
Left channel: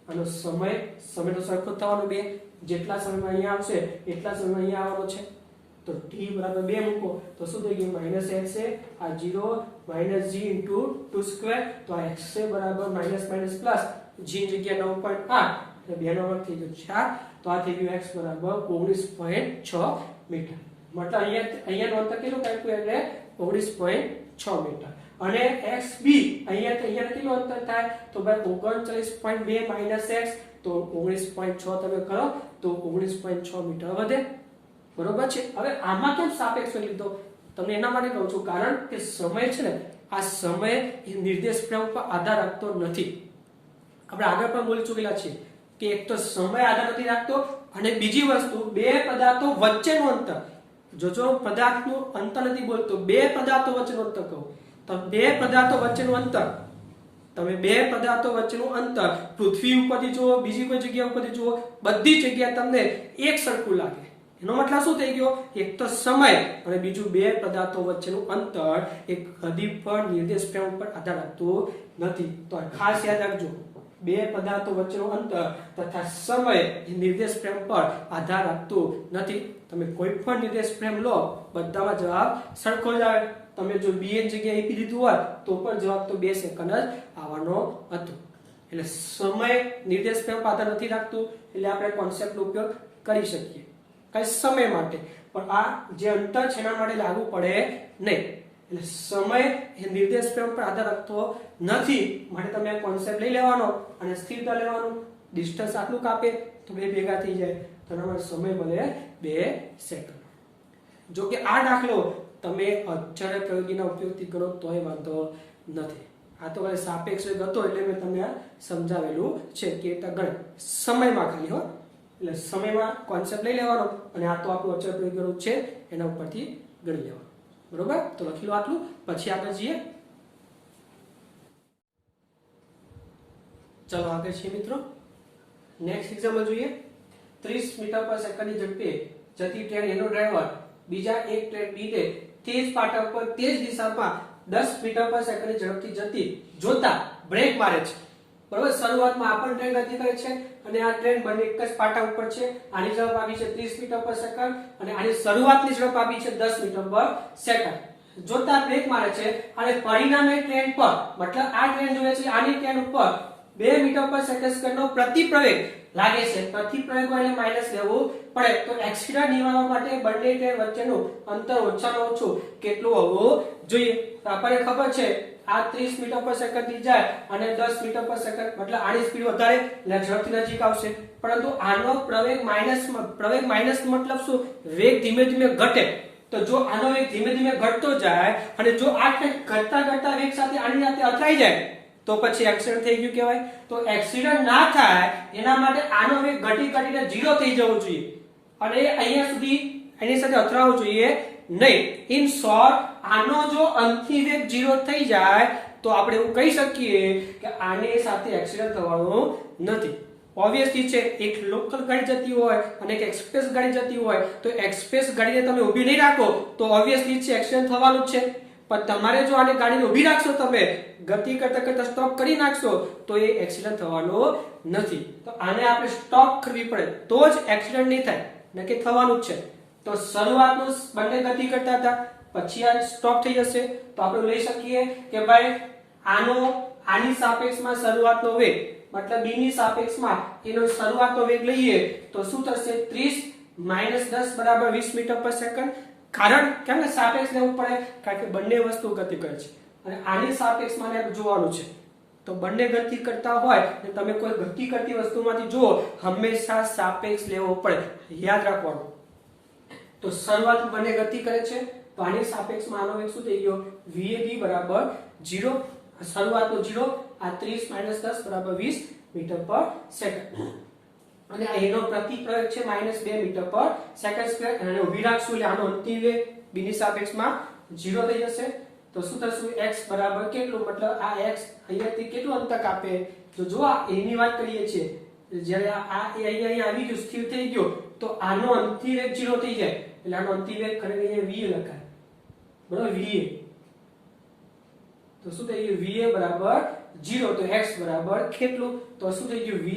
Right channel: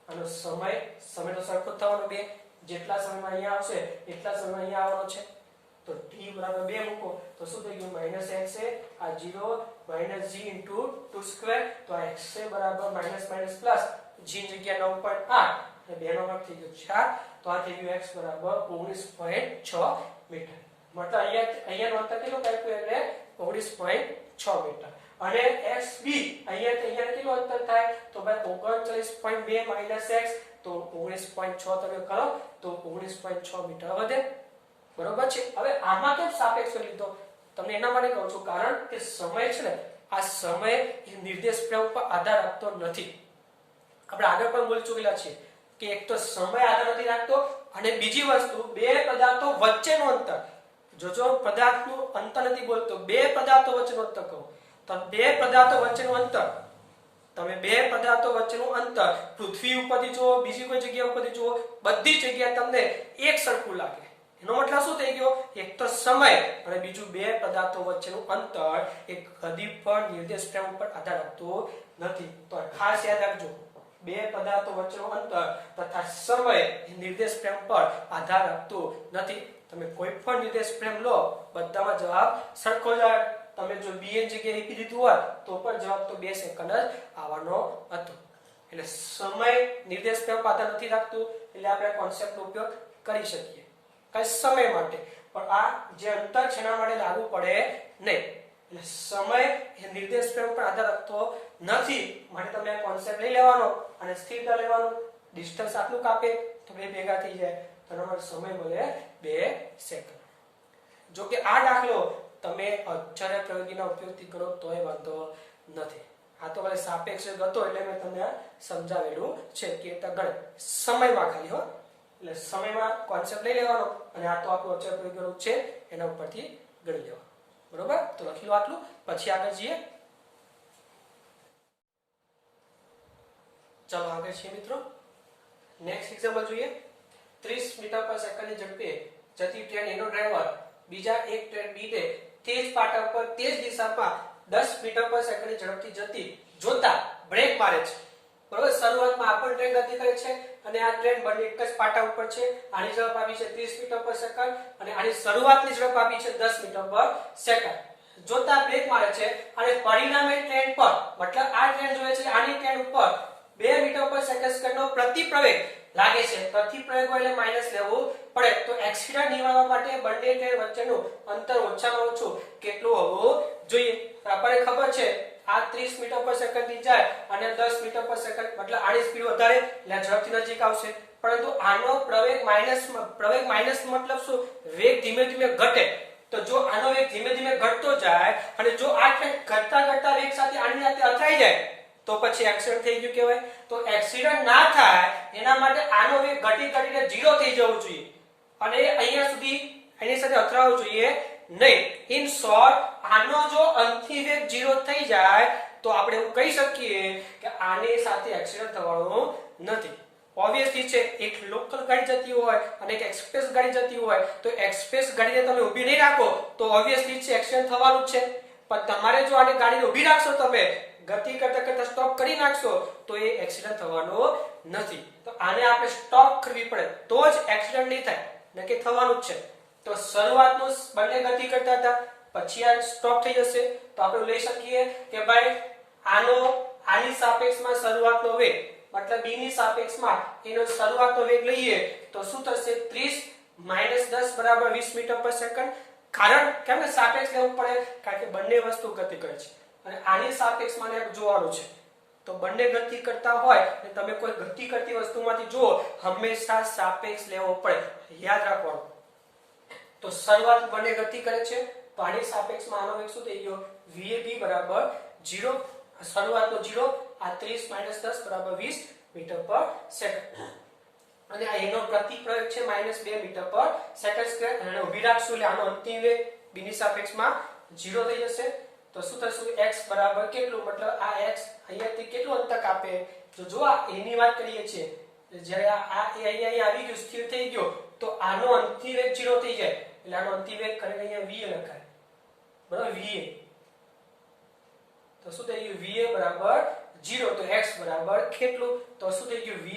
આનો સમય તો સરખો થવાનો 2. જેટલા સમયમાં અહીંયા આવશે એટલા સમયમાં અહીંયા આવવાનો છે. તો t બરાબર 2 મૂકો તો શું થઈ ગયું? માઈનસ x છે, આ 0 માઈનસ g into 2 સ્ક્વેર. તો આ x છે બરાબર માઈનસ પ્લસ g ની જગ્યા 9.8 અને 2 નો વર્ગ થઈ ગયો 4. તો આ થઈ ગયું x બરાબર 19.6 મીટર. મતલબ અહીંયાનું અંતર કેટલું કાપ્યું? એટલે 19.6 મીટર. અને xb અહીંયા કેટલું અંતર થાય? તો ભાઈ 39.2 માઈનસ x. તો 19.6 તમે કરો તો 19.6 મીટર વધે, બરોબર છે? હવે આમાં કેમ સાપેક્ષ લીધો? તમને એના માટે કહું છું કારણ કે સમય છે ને, આ સમય એ નિર્દેશ પ્રેમ ઉપર આધાર રાખતો નથી. આપણે આગળ પણ બોલી ચૂકેલા છીએ કે એક તો સમય આધાર નથી રાખતો અને બીજી વસ્તુ બે પદાર્થો વચ્ચેનું અંતર. જો પદાર્થનું અંતર નથી બોલતો, બે પદાર્થો વચ્ચેનું અંતર કહું તો બે પદાર્થો વચ્ચેનું અંતર, તમે બે પદાર્થો વચ્ચેનું અંતર પૃથ્વી ઉપરથી જુઓ, બીજી કોઈ જગ્યા ઉપરથી જુઓ, બધી જગ્યાએ તમને એક સરખું લાગે. એનો મતલબ શું થઈ ગયો? એક તો સમય અને બીજું બે પદાર્થો વચ્ચેનું અંતર એક કદી પણ નિર્દેશ પ્રેમ ઉપર આધાર રાખતું નથી. તો ખાસ યાદ રાખજો, બે પદાર્થો વચ્ચેનું અંતર તથા સમય નિર્દેશ પ્રેમ પર આધાર રાખતું નથી. તમે કોઈ પણ નિર્દેશ પ્રેમ લો બધામાં જવાબ સરખો જ આવે. તમે જો b ની જગ્યાએ આપી દીધું હોય તો પણ જવાબ તો 2 સેકન્ડ જ આવવાનો હતો. એટલે સમય નિર્દેશ પ્રેમ પર આધાર નથી રાખતું એટલે આપણે કોન્સેપ્ટનો ઉપયોગ કરી શકીએ કઈ સમય માટે, પણ આ જે અંતર છે એના માટે લાગુ પડે નહીં. એટલે સમય એ નિર્દેશ પ્રેમ પર આધાર રાખતો નથી માટે તમે આ કોન્સેપ્ટ લઈ લેવાનો અને સ્થિરતા લેવાનું. ડિસ્ટન્સ આટલું કાપે તો બે ભેગા થઈ જાય તો તમારો સમય મળે 2 સેકન્ડ. જો કે આ દાખલો તમે અચળ પ્રયોગીના ઉપયોગથી કરો તોય વાંધો નથી. આ તો ખાલી સાપેક્ષ હતો એટલે મેં તમને સમજાવેલું છે કે ગણ સમયમાં ખાલી હો, એટલે સમયમાં કોન્સેપ્ટ લઈ લેવાનો અને આ તો આપણું અચળ પ્રયોગીનું છે એના ઉપરથી ગણી લેવાનું. બરોબર? તો લખી લો આટલું, પછી આગળ જઈએ. ચલો આગળ છીએ મિત્રો, નેક્સ્ટ એક્ઝામ્પલ જોઈએ. 30 મીટર પર સેકન્ડની ઝડપે જતી ટ્રેન એનો ડ્રાઈવર બીજા એક ટ્રેન બી ને તે જ પાટા પર તે જ દિશામાં 10 મીટર પર સેકન્ડની ઝડપથી જતી જોતા બ્રેક મારે છે. બરોબર? શરૂઆતમાં આ પણ ટ્રેન ગતિ કરે છે અને આ ટ્રેન બંને એક જ પાટા ઉપર છે. આની ઝડપ આપી છે 30 મીટર પર સેકન્ડ અને આની શરૂઆતની ઝડપ આપી છે 10 મીટર પર સેકન્ડ. જોતા બ્રેક મારે છે અને પરિણામે ટ્રેન પર મતલબ આ ટ્રેન જોવે છે આની ટ્રેન ઉપર 2 મીટર પર સેકન્ડ સ્ક્વેરનો પ્રતિપ્રવેગ લાગે છે. પ્રતિપ્રવેગ એટલે માઈનસ લેવું પડે. તો એક્સિડન્ટ નિવારવા માટે બંને ટ્રેન વચ્ચેનું અંતર ઓછામાં ઓછું કેટલું હોવું જોઈએ? તો આપણને ખબર છે આ 30 મીટર પર સેકન્ડ થી જાય અને 10 મીટર પર સેકન્ડ મતલબ આની સ્પીડ વધારે એટલે ઝડપથી નજીક આવશે. પરંતુ આનો પ્રવેગ માઈનસ મતલબ શું? વેગ ધીમે ધીમે ઘટે. તો જો આનો વેગ ધીમે ધીમે ઘટતો જાય અને જો આ ટ્રેન ઘટતા વેગ સાથે આની સાથે અથડાઈ જાય તો પછી એક્સિડન્ટ થઈ ગયું કહેવાય. તો એક્સિડન્ટ ના થાય એના માટે આનો વેગ ઘટીને 0 થઈ જવો જોઈએ અને અહીંયા સુધી એની સાથે અથડાવવું જોઈએ નહીં. ઇન શોર્ટ, આનો જો અંતિમ વેગ 0 થઈ જાય તો આપણે એવું કહી શકીએ કે આની સાથે એક્સિડન્ટ થવાનું નથી. ઓબ્વિયસલી છે, એક લોકલ ગાડી જતી હોય અને એક એક્સપ્રેસ ગાડી જતી હોય તો એક્સપ્રેસ ગાડીને તમે ઊભી નહીં રાખો તો ઓબ્વિયસલી છે એક્સિડન્ટ થવાનું જ છે. પણ તમારે જો આને ગાડીને ઊભી રાખશો, તમે ગતિ કરતા સ્ટોપ કરી નાખશો તો એ એક્સિડન્ટ થવાનો નથી. તો આને આપણે સ્ટોપ કરવી પડે તો જ એક્સિડન્ટ નહીં થાય, નકે થવાનું જ છે. તો શરૂઆતનું બંને ગતિ કરતા હતા, પછી આ સ્ટોપ થઈ જશે તો આપણે લઈ શકીએ કે ભાઈ આની સાપેક્ષમાં શરૂઆતનો વેગ મતલબ b ની સાપેક્ષમાં એનો શરૂઆતનો વેગ લઈએ તો શું થશે? 30 - 10 = 20 મીટર પર સેકન્ડ. કારણ કેમ કે સાપેક્ષ લેવું પડે? કારણ કે બંને વસ્તુ ગતિ કરે છે અને આની સાપેક્ષમાં ને જોવાનું છે. તો બંને ગતિ કરતા હોય અને તમે કોઈ ગતિ કરતી વસ્તુમાંથી જુઓ, હંમેશા સાપેક્ષ લેવો પડે, યાદ રાખવાનું. તો શરૂઆત બંને ગતિ કરે છે તો આની સાપેક્ષમાં આનો વેગ શું થઈ ગયો? VAB = 0. શરૂઆતનો 0, આ 30 - 10 = 20 મીટર પર સેકન્ડ અને એનો પ્રતિપ્રવેગ છે -2 મીટર પર સેકન્ડ સ્ક્વેર. અને ઊભી રાખશું એટલે આનો અંતિમ વેગ b ની સાપેક્ષમાં 0 થઈ જશે. તો શું થશે? x બરાબર કેટલું? મતલબ આ x અહીંયાથી કેટલું અંતર કાપે? તો જો આ a ની વાત કરીએ છીએ, જ્યારે આ a અહીંયા આવી ગયું, સ્થિર થઈ ગયો, તો આનો અંતિમ વેગ 0 થઈ જાય એટલે આનો અંતિમ વેગ ખરેખર અહીંયા va લખાય. બરાબર, va. તો શું થઈ ગયું? va બરાબર 0. તો x બરાબર કેટલું? તો શું થઈ ગયું? va².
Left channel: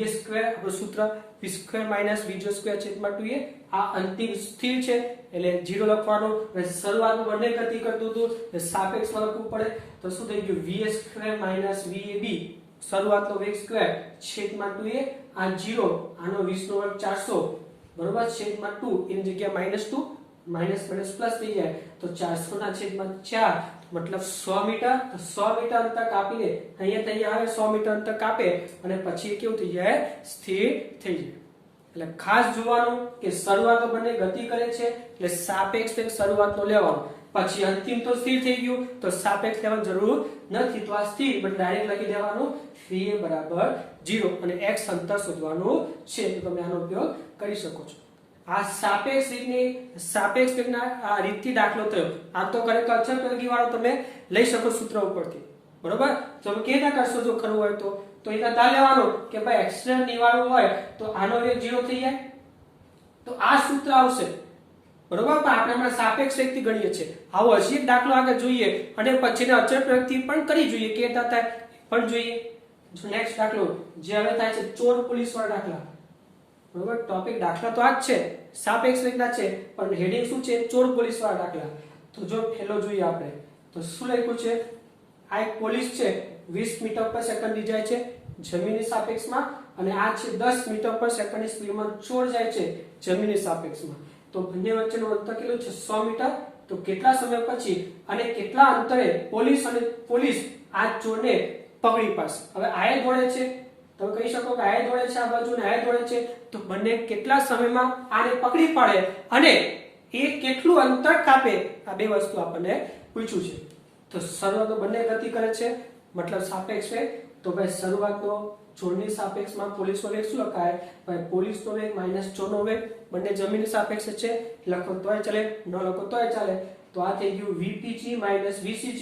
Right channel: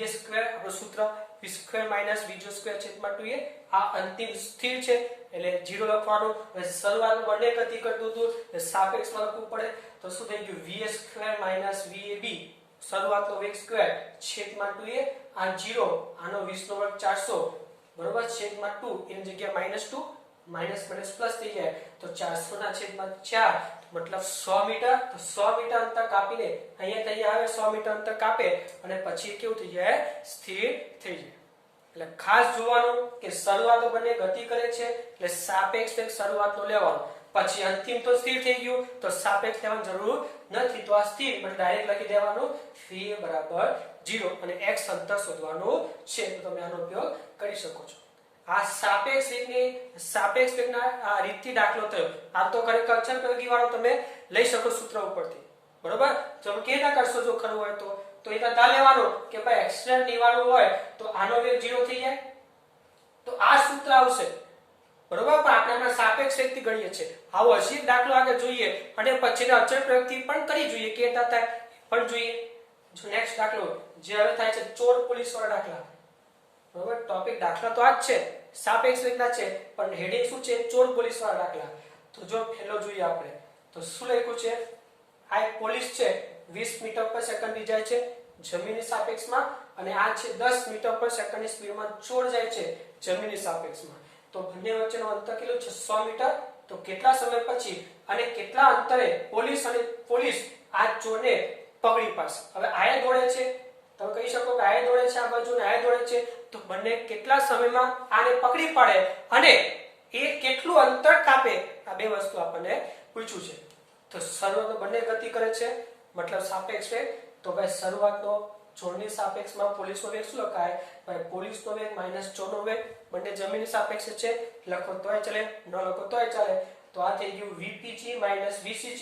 આપણું સૂત્ર v² - v²/2a. આ અંતિમ સ્થિર છે એટલે 0 લખવાનું. શરૂઆતમાં બંને ગતિ કરતું હતું એટલે સાપેક્ષમાં લખવું પડે. તો શું થઈ ગયું? va² - vab શરૂઆતનો વેગ સ્ક્વેર /2a. આ 0, આનો 20 નો વર્ગ 400 બરોબર /2 એની જગ્યાએ -2 માઇનસ પ્લસ થઈ જાય તો 400/4 મતલબ 100 મીટર. તો 100 મીટર અંતર કાપીને અહીંયા આવે 100 મીટર અંતર કાપે અને પછી કેવું થઈ જાય? સ્થિર થઈ જાય. એટલે ખાસ જોવાનું કે શરૂઆત બંને ગતિ કરે છે એટલે સાપેક્ષ વેગ શરૂઆતનો લેવાનો, પછી અંતિમ તો સ્થિર થઈ ગયું તો સાપેક્ષ લેવાની જરૂર નથી. તો આ સ્થિર એટલે ડાયરેક્ટ લખી દેવાનું va બરાબર 0 અને x અંતર શોધવાનું છે. તો તમે આનો ઉપયોગ કરી શકો છો. આ સાપેક્ષ વેગના આ રીતથી દાખલો થયો. આ તો ખરેખર અચળ પ્રયોગી વાળો તમે લઈ શકો સૂત્ર ઉપરથી. બરોબર, તમે કેવી રીતે કરશો જો કરવું હોય તો એ તા લેવાનું કે ભાઈ એક્સિડન્ટ નિવારવું હોય તો આનો વેગ 0 થઈ જાય તો આ સૂત્ર આવશે. બરોબર, પણ આપણે હમણાં સાપેક્ષ વેગથી ગણીએ છીએ. આવો હજી દાખલો આગળ જોઈએ અને પછીના અચળ પ્રયોગથી પણ કરી જોઈએ કે થાય પણ જોઈએ. જો નેક્સ્ટ દાખલો જે હવે થાય છે ચોર પોલીસ વાળા દાખલા. બરોબર, ટોપિક દાખલા તો આ જ છે, સાપેક્ષ વેગના છે, પણ હેડિંગ શું છે? ચોર પોલીસ વાળા દાખલા. તો જો પહેલો જોઈએ આપણે તો શું લખ્યું છે? આ એક પોલીસ છે 20 મીટર પર સેકન્ડ થી જાય છે જમીનની સાપેક્ષમાં અને આ છે 10 મીટર પર સેકન્ડની સ્પીડમાં ચોર જાય છે જમીનની સાપેક્ષમાં. તો બંને વચ્ચેનું અંતર કેટલું છે? 100 મીટર. તો કેટલા સમય પછી અને કેટલા અંતરે પોલીસ આ ચોરને પકડી પાડશે? હવે આયે દોડે છે, તમે કહી શકો કે આયે દોડે છે આ બાજુ ને આયે દોડે છે, તો બંને કેટલા સમયમાં આને પકડી પાડે અને એ કેટલું અંતર કાપે? આ બે વસ્તુ આપણને પૂછ્યું છે. તો શરૂઆત બંને ગતિ કરે છે મતલબ સાપેક્ષ વેગ. તો ભાઈ શરૂઆતનો ચોરની સાપેક્ષમાં પોલીસનો વેગ શું લખાય? ભાઈ પોલીસનો વેગ - ચોરનો વેગ. બંને જમીનની સાપેક્ષ છે, લખો તોય ચાલે, ન લખો તોય ચાલે. તો આ થઈ ગયું vpg - vcg.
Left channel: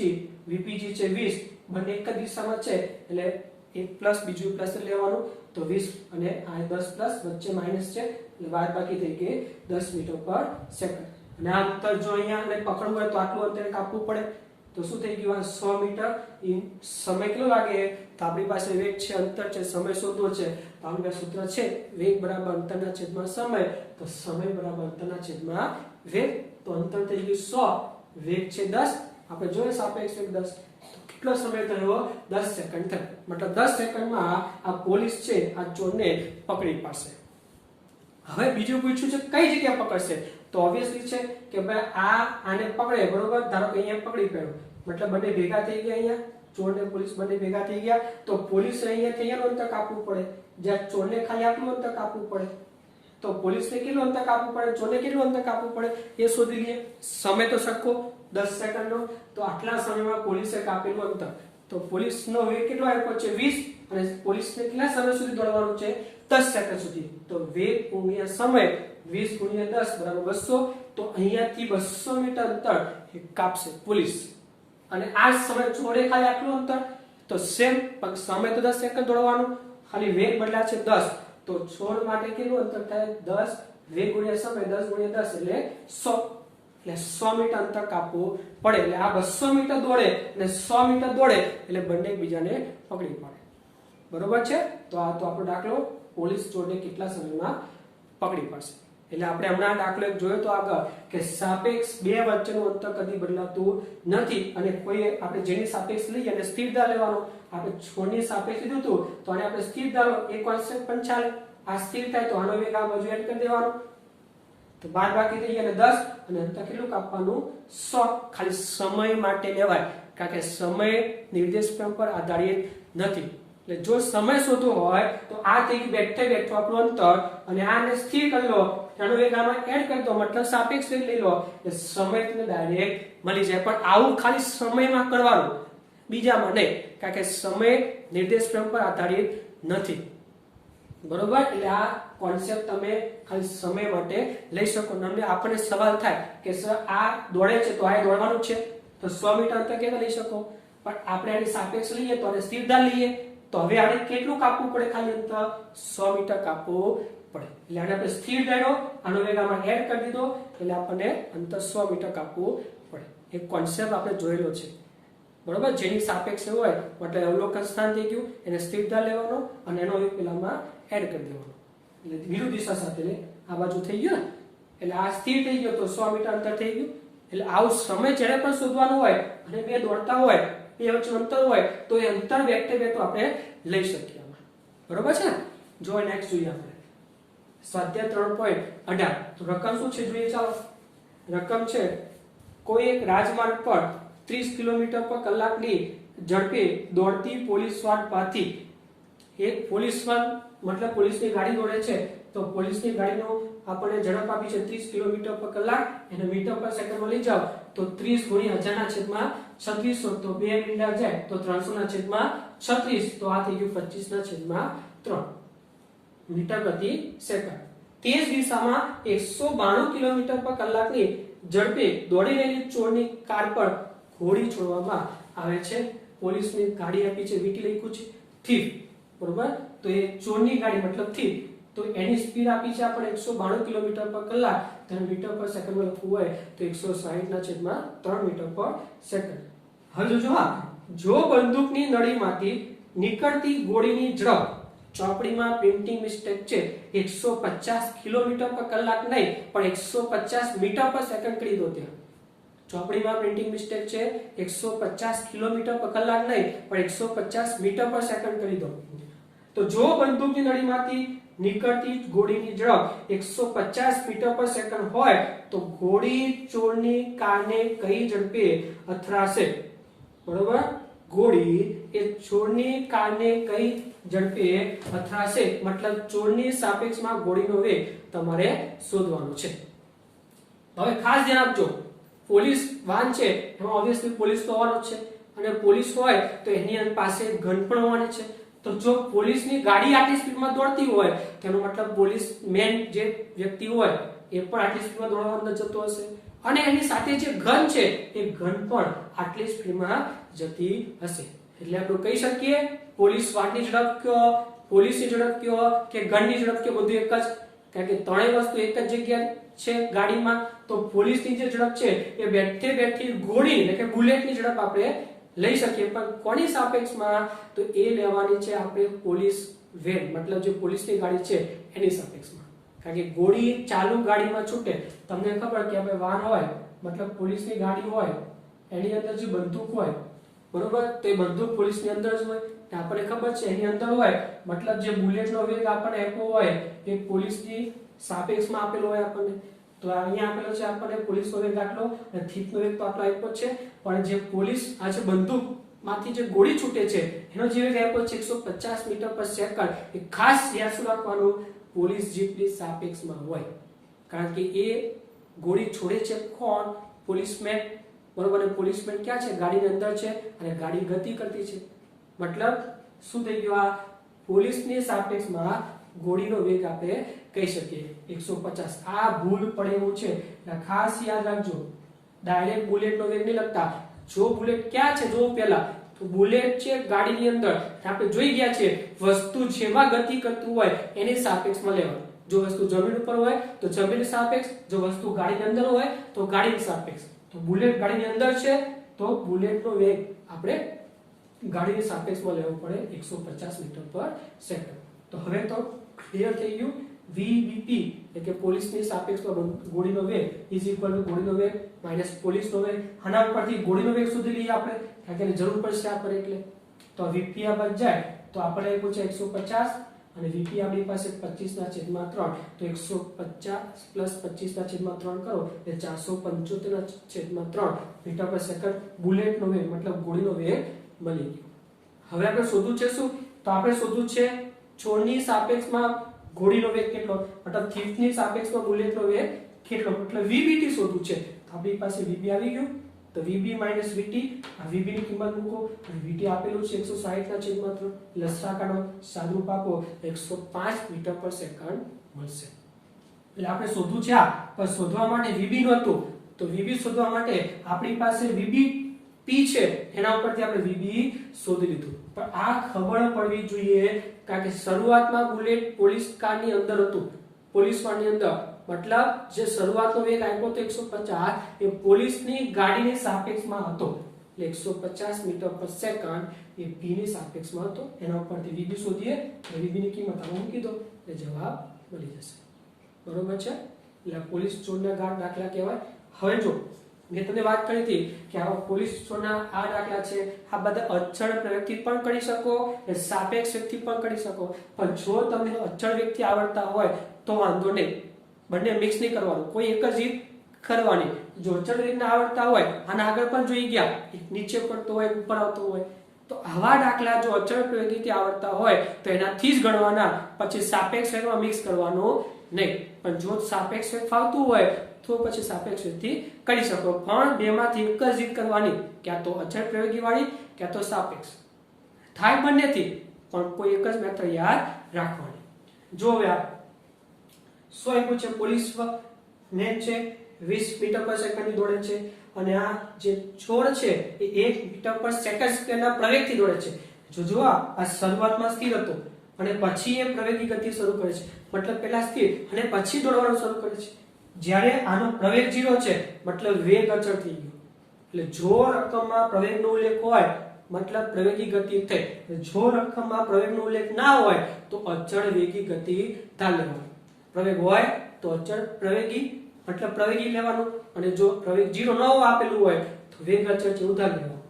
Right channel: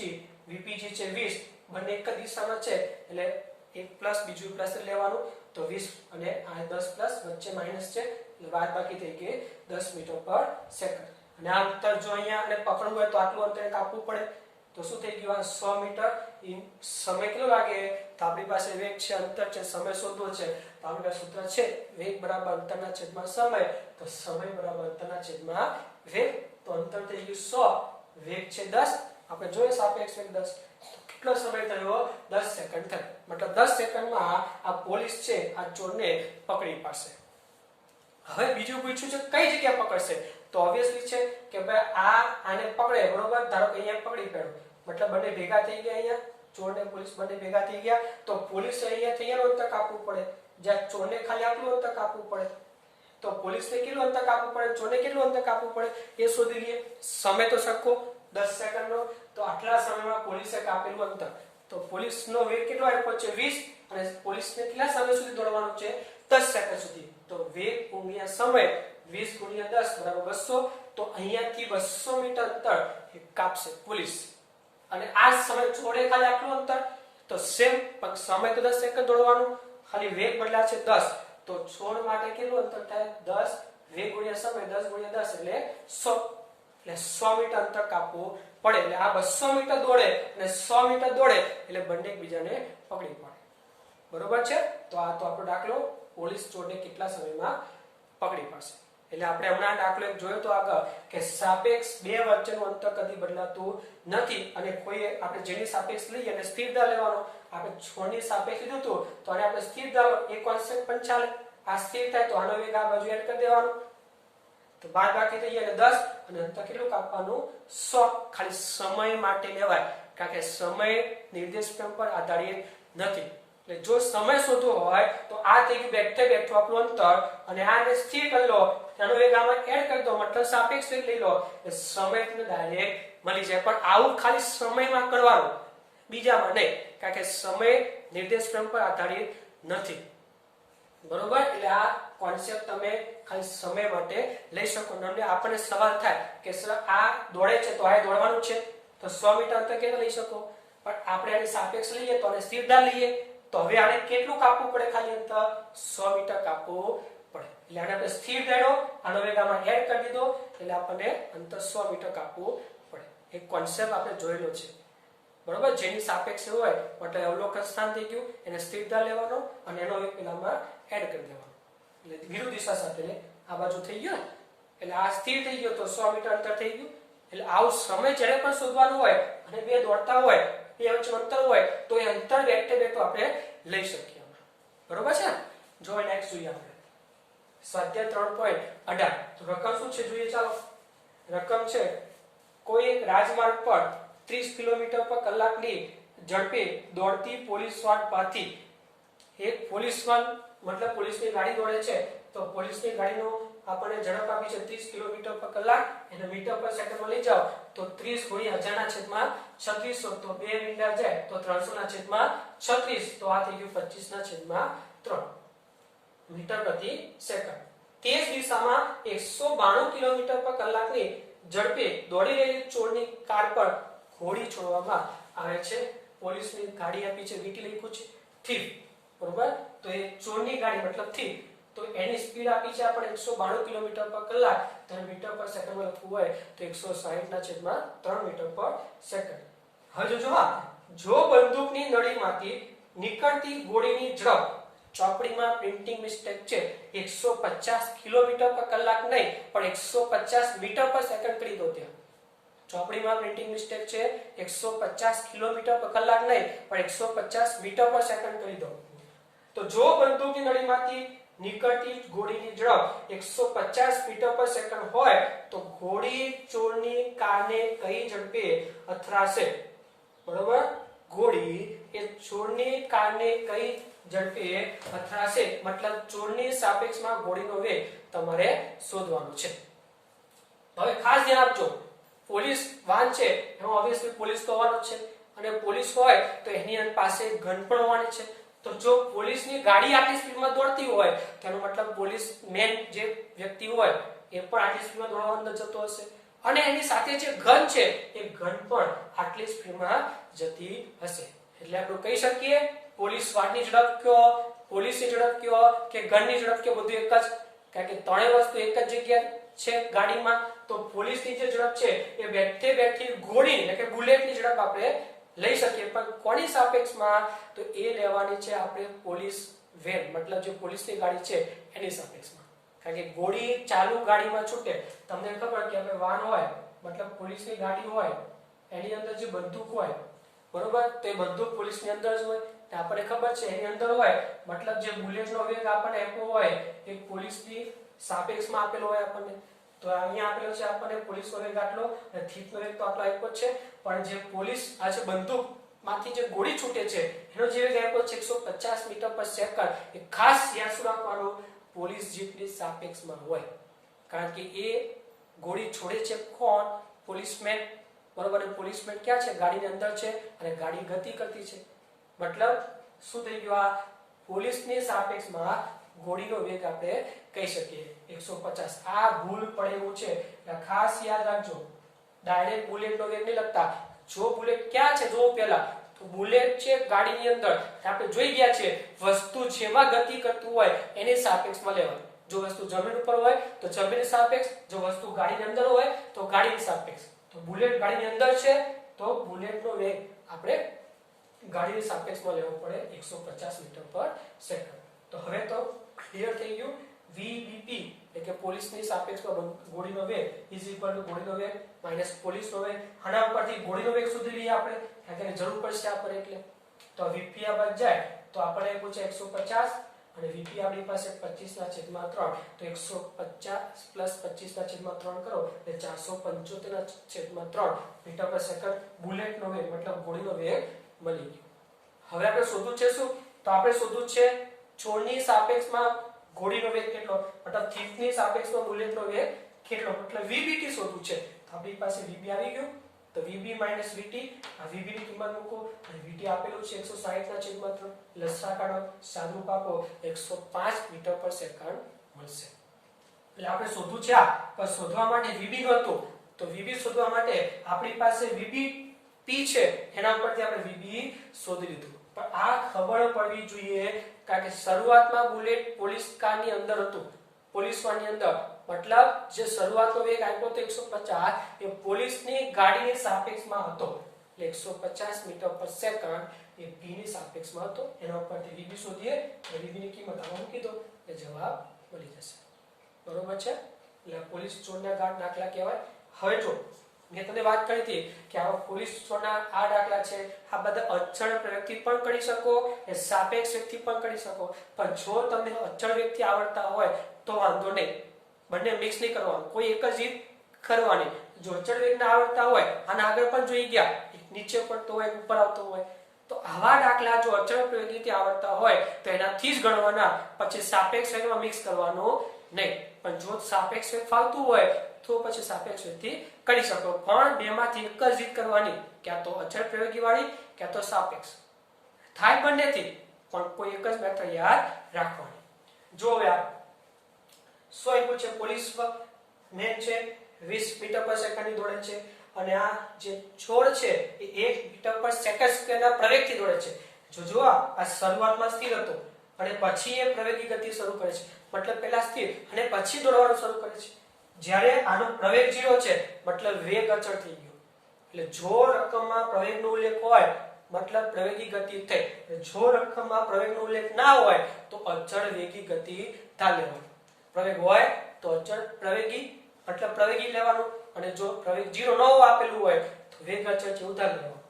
vpg છે 20, બંને એક જ દિશામાં છે એટલે એક પ્લસ બીજું પ્લસ લેવાનું. તો 20 અને આ 10 પ્લસ વચ્ચે માઈનસ છે એટલે બાદ બાકી થઈ ગઈ 10 મીટર પર સેકન્ડ. અને આ અંતર જો અહીંયા અને પકડવું હોય તો આટલું અંતર કાપવું પડે. તો શું થઈ ગયું? આ 100 મીટર. સમય કેટલો લાગે? તો આપણી પાસે વેગ છે, અંતર છે, સમય શોધવો છે. તો તો આપણી પાસે સૂત્ર છે વેગ બરાબર અંતરના છેદમાં સમય, તો સમય બરાબર અંતરના છેદમાં વેગ. તો અંતર થઈ ગયું 100, વેગ છે 10, આપણે જોઈએ સાપેક્ષ વેગ 10, તો કેટલો સમય થયો? 10 સેકન્ડ થયો. મતલબ 10 સેકન્ડમાં આ પોલીસ છે આ ચોરને પકડી પાડશે. હવે બીજું પૂછ્યું છે કઈ જગ્યાએ પકડશે, તો ઓબ્વિયસલી છે કે ભાઈ આને પકડે, બરોબર, ધારો કે અહીંયા પકડી પાડ્યો, મતલબ બંને ભેગા થઈ ગયા, અહીંયા ચોર ને પોલીસ બંને ભેગા થઈ ગયા, તો પોલીસ અહીંયાનું અંતર કાપવું પડે, જ્યાં ચોરને ખાલી આટલું અંતર કાપવું પડે, તો પોલીસને કેટલું અંતર કાપવું પડે, ચોરને કેટલું અંતર કાપવું પડે એ શોધી લઈએ. સમય તો સરખો 10 સેકન્ડનો, તો આટલા સમયમાં પોલીસે કાપેલું અંતર, તો પોલીસનો વેગ કેટલો આપ્યો છે 20, અને પોલીસને કેટલા સમય સુધી દોડવાનું છે 10 સેકન્ડ સુધી. તો વેગ ગુણ્યા સમય 20 ગુણ્યા 10 બરાબર 200, તો અહીંયાથી 200 મીટર અંતર કાપશે પોલીસ. અને આ સમય ચોરે ખાલી આટલું અંતર, તો સેમ પણ સમય તો 10 સેકન્ડ દોડવાનું, ખાલી વેગ બદલાશે 10, તો છોડ માટે કેટલું અંતર થાય 10, વેગ ગુણ્યા સમય 10 ગુણ્યા 10 એટલે 100, એટલે 100 મીટર અંતર કાપવું પડે. એટલે આ 200 મીટર દોડે અને 100 મીટર દોડે એટલે બંને એકબીજાને પકડી પાડે. બરોબર છે. તો આ તો આપણો દાખલો પોલીસ ચોરને કેટલા સમયમાં પકડી પાડશે. એટલે આપણે હમણાં દાખલો એક જોયો તો આગળ કે સાપેક્ષ બે વચ્ચેનું અંતર કદી બદલાતું નથી, અને કોઈ આપણે જેની સાપેક્ષ લઈએ અને સ્થિર ધાર લેવાનો, આપણે છોડની સાપેક્ષ લીધું હતું તો આને આપણે સ્થિર ધાર એ કોન્સ્ટન્ટ પણ ચાલે. આ સ્થિર થાય તો આનો વેગ આ બાજુ એડ કરી દેવાનો, તો બાદ બાકી થઈ ગયા 10, અને અંતર કેટલું કાપવાનું 100. ખાલી સમય માટે લેવાય, કારણ કે સમય નિર્દેશ ફ્રેમ પર આધારિત નથી. એટલે જો સમય શોધવો હોય તો આ થઈ ગયું બેઠે બેઠું આપણું અંતર, અને આને સ્થિર કરી લો, આનો વેગ આમાં એડ કરી દો, મતલબ સાપેક્ષ વેગ લઈ લો, એટલે સમય તમને ડાયરેક્ટ મળી જાય. પણ આવું ખાલી સમયમાં કરવાનું, બીજામાં નહીં, કારણ કે સમય નિર્દેશ ફ્રેમ પર આધારિત નથી. બરોબર. એટલે આ કોન્સેપ્ટ તમે ખાલી સમય માટે લઈ શકો. તમને આપણને સવાલ થાય કે સર આ દોડે છે તો આ દોડવાનું છે, તો 100 મીટર અંતર કેવી લઈ શકો, પણ આપણે આની સાપેક્ષ લઈએ તો આને સ્થિર ધાર લઈએ, તો હવે આને કેટલું કાપવું પડે, ખાલી અંતર 100 મીટર કાપવું પડે. એટલે આને આપણે સ્થિર ધાર્યો, આનો વેગ આમાં એડ કરી દીધો, એટલે આપણને અંતર 100 મીટર કાપવું પડે. એક કોન્સેપ્ટ આપણે જોયેલો છે. બરોબર. જેની સાપેક્ષ હોય મતલબ અવલોકન સ્થાન થઈ ગયું, એને સ્થિર ધાર લેવાનો અને એનો વેગ પેલામાં એડ કરી દેવાનો, એટલે વિરુદ્ધ દિશા સાથે આ બાજુ થઈ ગયું ને, એટલે આ સ્થિર થઈ ગયો તો 100 મીટર અંતર થઈ ગયું. એટલે આવું સમય જ્યારે પણ શોધવાનું હોય અને બે દોડતા હોય, બે વચ્ચેનું અંતર હોય, તો એ અંતર બેઠે બેઠું આપણે લઈ શકીએ. બરોબર છે. જો નેક્સ્ટ જોઈએ આપણે સ્વાધ્યાય 3.18. તો રકમ શું છે જોઈએ. ચાલો, રકમ છે કોઈ એક રાજમાર્ગ પર 30 કિલોમીટર પર કલાકની ઝડપે દોડતી પોલીસ વાન પાથી એક પોલીસ વાન, મતલબ પોલીસની ગાડી દોડે છે, તો પોલીસની ગાડીનો આપણને ઝડપ આપી છે 30 કિલોમીટર પર કલાક, એને મીટર પર સેકન્ડમાં લઈ જાઓ તો 30 ગુણ્યા 1000 ના છેદમાં 3600, તો 2 મિનિટ જાય તો 300 ના છેદમાં 36, તો આ થઈ ગયું 25 ના છેદમાં 3 મીટર પ્રતિ સેકન્ડ. તે જ દિશામાં 192 કિલોમીટર પર કલાકની ઝડપે દોડી રહેલી ચોરની કાર પર ગોળી છોડવામાં આવે છે. પોલીસની ગાડી આપી છે, વીટી લખ્યું છે થીફ, બરોબર. તો એ ચોરની ગાડી મતલબ થીફ, તો એની સ્પીડ આપી છે આપણે 192 કિલોમીટર પર કલાક, તો મીટર પર સેકન્ડમાં લખવું હોય તો 160 ના છેદમાં 3 મીટર પર સેકન્ડ. હવે જો બંદૂકની નળીમાંથી નીકળતી ગોળીની ઝડપ, ચોપડીમાં પ્રિન્ટિંગ મિસ્ટેક છે, 150 કિલોમીટર પર કલાક નહીં પણ 150 મીટર પર સેકન્ડ કરી દો. ત્યાં ચોપડીમાં પ્રિન્ટિંગ મિસ્ટેક છે, 150 કિલોમીટર પર કલાક નહીં પણ 150 મીટર પર સેકન્ડ કરી દો. તો જો બંદૂકની નળીમાંથી નીકળતી ગોળીની ઝડપ 150 મીટર પર સેકન્ડ હોય તો ગોળી ચોરની કારને કઈ ઝડપે અથડાશે. બરોબર. ગોળી એ ચોરની કારને કઈ ઝડપે અથડાશે, મતલબ ચોરની સાપેક્ષમાં ગોળીનો વેગ તમારે શોધવાનો છે. હવે ખાસ ધ્યાન આપજો, પોલીસ વાન છે એમાં ઓબ્વિયસલી પોલીસ તો હોવાનો છે, અને પોલીસ હોય તો એની પાસે ગન પણ હોવાની છે. તો જો પોલીસની ગાડી આટલી સ્પીડમાં દોડતી હોય તેનો મતલબ પોલીસ મેન જે વ્યક્તિ હોય એ પણ આટલી સ્પીડમાં દોડવા જતો હશે, અને એની સાથે જે ગન છે એ ગન પણ આટલી સ્પીડમાં જતી હશે. એટલે આપણે કહી શકીએ પોલીસ વાનની ઝડપ કયો, પોલીસની ઝડપ કયો કે ગનની ઝડપ કયો, બધું એક જ, કારણ કે ત્રણેય વસ્તુ એક જ જગ્યાએ છે ગાડીમાં. તો પોલીસની જે ઝડપ છે એ બેઠે બેઠી ગોળી એટલે કે બુલેટની ઝડપ આપણે લઈ શકીએ, પણ કોની સાપેક્ષમાં, તો એ લેવાની છે આપણે પોલીસ વેન મતલબ જે પોલીસની ગાડી છે એની સાપેક્ષમાં. કારણ કે ગોળી ચાલુ ગાડીમાં છૂટે, તમને ખબર કે આપણે વાહન હોય મતલબ પોલીસની ગાડી હોય, એની અંદર જે બંદૂક હોય બરોબર, તો એ બંદૂક પોલીસની અંદર જ હોય. આપણને ખબર છે એની અંદર હોય મતલબ જે બુલેટનો વેગ આપણને આપ્યો હોય એ પોલીસની સાપેક્ષમાં આપેલો હોય આપણને. તો અહીંયા આપેલો છે આપણને પોલીસનો વેગ આટલો અને થીટનો વેગ તો આટલો આપ્યો છે, પણ જે પોલીસ આ જે બંદૂક માંથી જે ગોળી છૂટે છે એનો જે વેગ આપ્યો છે 150 મીટર પર સેકન્ડ, એ ખાસ યાદ શું રાખવાનું, પોલીસ જીપની સાપેક્ષમાં હોય. કારણ કે એ ગોળી છોડે છે કોણ, પોલીસમેન બરોબર. અને પોલીસમેન ક્યાં છે, ગાડીની અંદર છે અને ગાડી ગતિ કરતી છે. મતલબ શું થઈ ગયું, આ પોલીસની સાપેક્ષમાં ગોળીનો વેગ આપણે કહી શકીએ 150. આ ભૂલ પડે એવું છે એટલે ખાસ યાદ રાખજો. ડાયરેક્ટ બુલેટનો વેગ નહીં લખતા. જો બુલેટ ક્યાં છે જો પેલા, તો બુલેટ છે ગાડીની અંદર. આપણે જોઈ ગયા છે વસ્તુ જેમાં ગતિ કરતું હોય એની સાપેક્ષમાં લેવાનું. જો વસ્તુ જમીન ઉપર હોય તો જમીનની સાપેક્ષ, જો વસ્તુ ગાડીની અંદર હોય તો ગાડીની સાપેક્ષ. તો બુલેટ ગાડીની અંદર છે તો બુલેટનો વેગ આપણે ગાડીની સાપેક્ષમાં લેવો પડે 150 મીટર પર સેકન્ડ. તો હવે તો ક્લિયર થઈ ગયું. VBP એટલે કે પોલીસની સાપેક્ષમાં ગોળીનો વેગ ઇઝ ઇક્વલ ટુ ગોળીનો વેગ માઈનસ પોલીસનો વેગ. આના પરથી ગોળીનો વેગ શોધી લઈએ આપણે, કારણ કે જરૂર પડશે આપણે એટલે. તો VP આ બાદ જાય તો આપણે આપ્યું છે 150 અને VP આપણી પાસે 25/3, તો 150 પ્લસ 25/3 કરો એટલે 475/3 મીટર પર સેકન્ડ બુલેટનો વેગ મતલબ ગોળીનો વેગ મળી ગયો. હવે આપણે શોધવું છે શું, તો આપણે શોધવું છે છોડની સાપેક્ષમાં ગોળીનો વેગ કેટલો, મતલબ થીફની સાપેક્ષમાં બુલેટનો વેગ કેટલો, મતલબ VBT શોધવું છે. આપણી પાસે VB આવી ગયું, તો VB માઈનસ VT, આ VB ની કિંમત મૂકો અને VT આપેલું છે 160/3, લસા કાઢો, સાદુરૂપ આપો 105 મીટર પર સેકન્ડ મળશે. એટલે આપણે શોધવું છે આ, પણ શોધવા માટે VB નહોતું, તો VB શોધવા માટે આપણી પાસે VBP છે, એના ઉપરથી આપણે VB શોધી લીધું. પણ આ ખબર પડવી જોઈએ, કારણ કે શરૂઆતમાં બુલેટ પોલીસ કારની અંદર હતું, પોલીસ વાનની અંદર, મતલબ જે શરૂઆતનો વેગ આપ્યો તો 150 એ પોલીસની ગાડીની સાપેક્ષમાં હતો. એટલે 150 મીટર પર સેકન્ડ એ p ની સાપેક્ષમાં હતો. એના ઉપરથી VB શોધીએ, VB ની કિંમત આમાં મૂકી દો એટલે જવાબ મળી જશે. બરોબર છે. એટલે પોલીસ ચોરના દાખલા કહેવાય. હવે જો મેં તમને વાત કરી હતી કે આ પોલીસ ચોરના આ દાખલા છે, આ બધા અચળ વ્યક્તિ પણ કરી શકો અને સાપેક્ષ વ્યક્તિ પણ કરી શકો. પણ જો તમને અચળ વ્યક્તિ આવડતા હોય તો વાંધો નહીં, બંને મિક્સ નહીં કરવાનું, કોઈ એક જ રીત કરવાની. જો અચળ વ્યક્તિ આવડતા હોય, આના આગળ પણ જોઈ ગયા, એક નીચે પડતો હોય, ઉપર આવતો હોય, તો આવા દાખલા જો અચળ વ્યક્તિ આવડતા હોય તો એનાથી જ ગણવાના, પછી સાપેક્ષ વેગમાં મિક્સ કરવાનું નહીં. પણ જો સાપેક્ષ વેગ ફાવતું હોય તો પછી સાપેક્ષ વેગથી કરી શકો, પણ બેમાંથી એક જ રીત કરવાની, ક્યાં તો અચળ પ્રયોગી વાળી ક્યાં તો સાપેક્ષ. થાય બંનેથી, પણ કોઈ એક જ મેથડ યાદ રાખવાની. જો હવે આ શું આપ્યું છે, પોલીસ મેન છે 20 મીટર પર સેકન્ડની દોડે છે અને આ જે છોડ છે એ 1 મીટર પર સેકન્ડ સ્ક્વેરના પ્રવેગથી દોડે છે. જો આ શરૂઆતમાં સ્થિર હતો અને પછી એ પ્રવેગી ગતિ શરૂ કરે છે, મતલબ પહેલા સ્થિર અને પછી દોડવાનું શરૂ કરે છે. જ્યારે આનો પ્રવેગ 0 છે મતલબ વેગ અચળ થઈ ગયો. એટલે જો રકમમાં પ્રવેગનો ઉલ્લેખ હોય મતલબ પ્રવેગી ગતિ થઈ, જો રકમમાં પ્રવેગનો ઉલ્લેખ ના હોય તો અચળ વેગી ગતિ ધાર લેવાની. પ્રવેગ હોય તો અચળ પ્રવેગી મતલબ પ્રવેગી લેવાનું, અને જો પ્રવેગ 0 ન આપેલું હોય તો વેગ અચળ છે ઉધાર લેવાનું.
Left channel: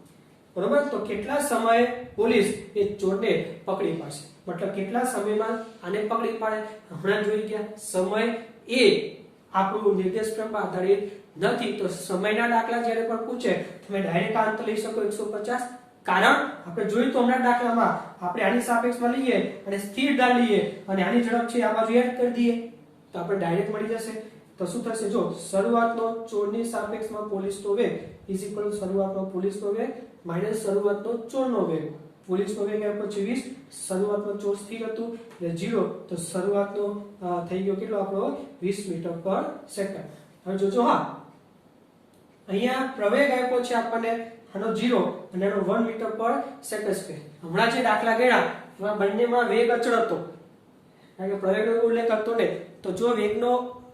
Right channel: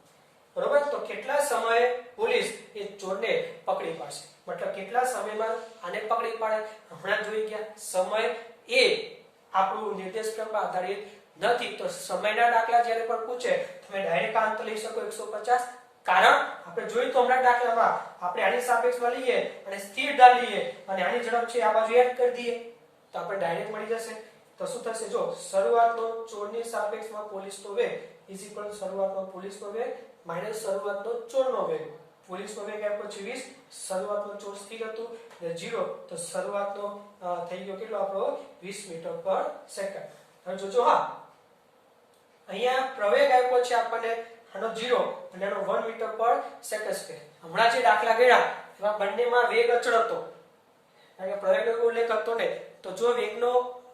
બરોબર. તો કેટલા સમયે પોલીસ એ ચોરને પકડી પાડશે, મતલબ કેટલા સમયમાં આને પકડી પાડે, હમણાં જોઈ ગયા. સમય એ આપણું નિર્દેશ ક્રમમાં આધારિત નથી, તો સમયના દાખલા જ્યારે પણ પૂછે તમે ડાયરેક્ટ આ અંતર લઈ શકો 150. કારણ આપણે જોયું તો હમણાં દાખલામાં આપણે આની સાપેક્ષમાં લઈએ અને સ્થિર ઢાળ લઈએ અને આની ઝડપ છે આ બાજુ એડ કરી દઈએ તો આપણે ડાયરેક્ટ મળી જશે. તો શું થશે, જો શરૂઆતનો ચોરની સાપેક્ષમાં પોલીસનો વેગ ઇઝ ઇક્વલ ટુ શરૂઆતનો પોલીસનો વેગ માઈનસ શરૂઆતનો ચોરનો વેગ. પોલીસનો વેગ આપ્યો 24, શરૂઆતમાં ચોર સ્થિર હતું એટલે 0, તો શરૂઆતનો થઈ ગયો કેટલો આપણો 20 મીટર પર સેકન્ડ. હવે જોજો હા, અહીંયા પ્રવેગ આપ્યો છે આપણને આનો 0 અને આનો 1 મીટર પર સેકન્ડ સ્ક્વેર. હમણાં જે દાખલા ગયા એમાં બંનેમાં વેગ અચળ હતો, કારણ કે પ્રવેગનો ઉલ્લેખ હતો ને. તો જો વેગનો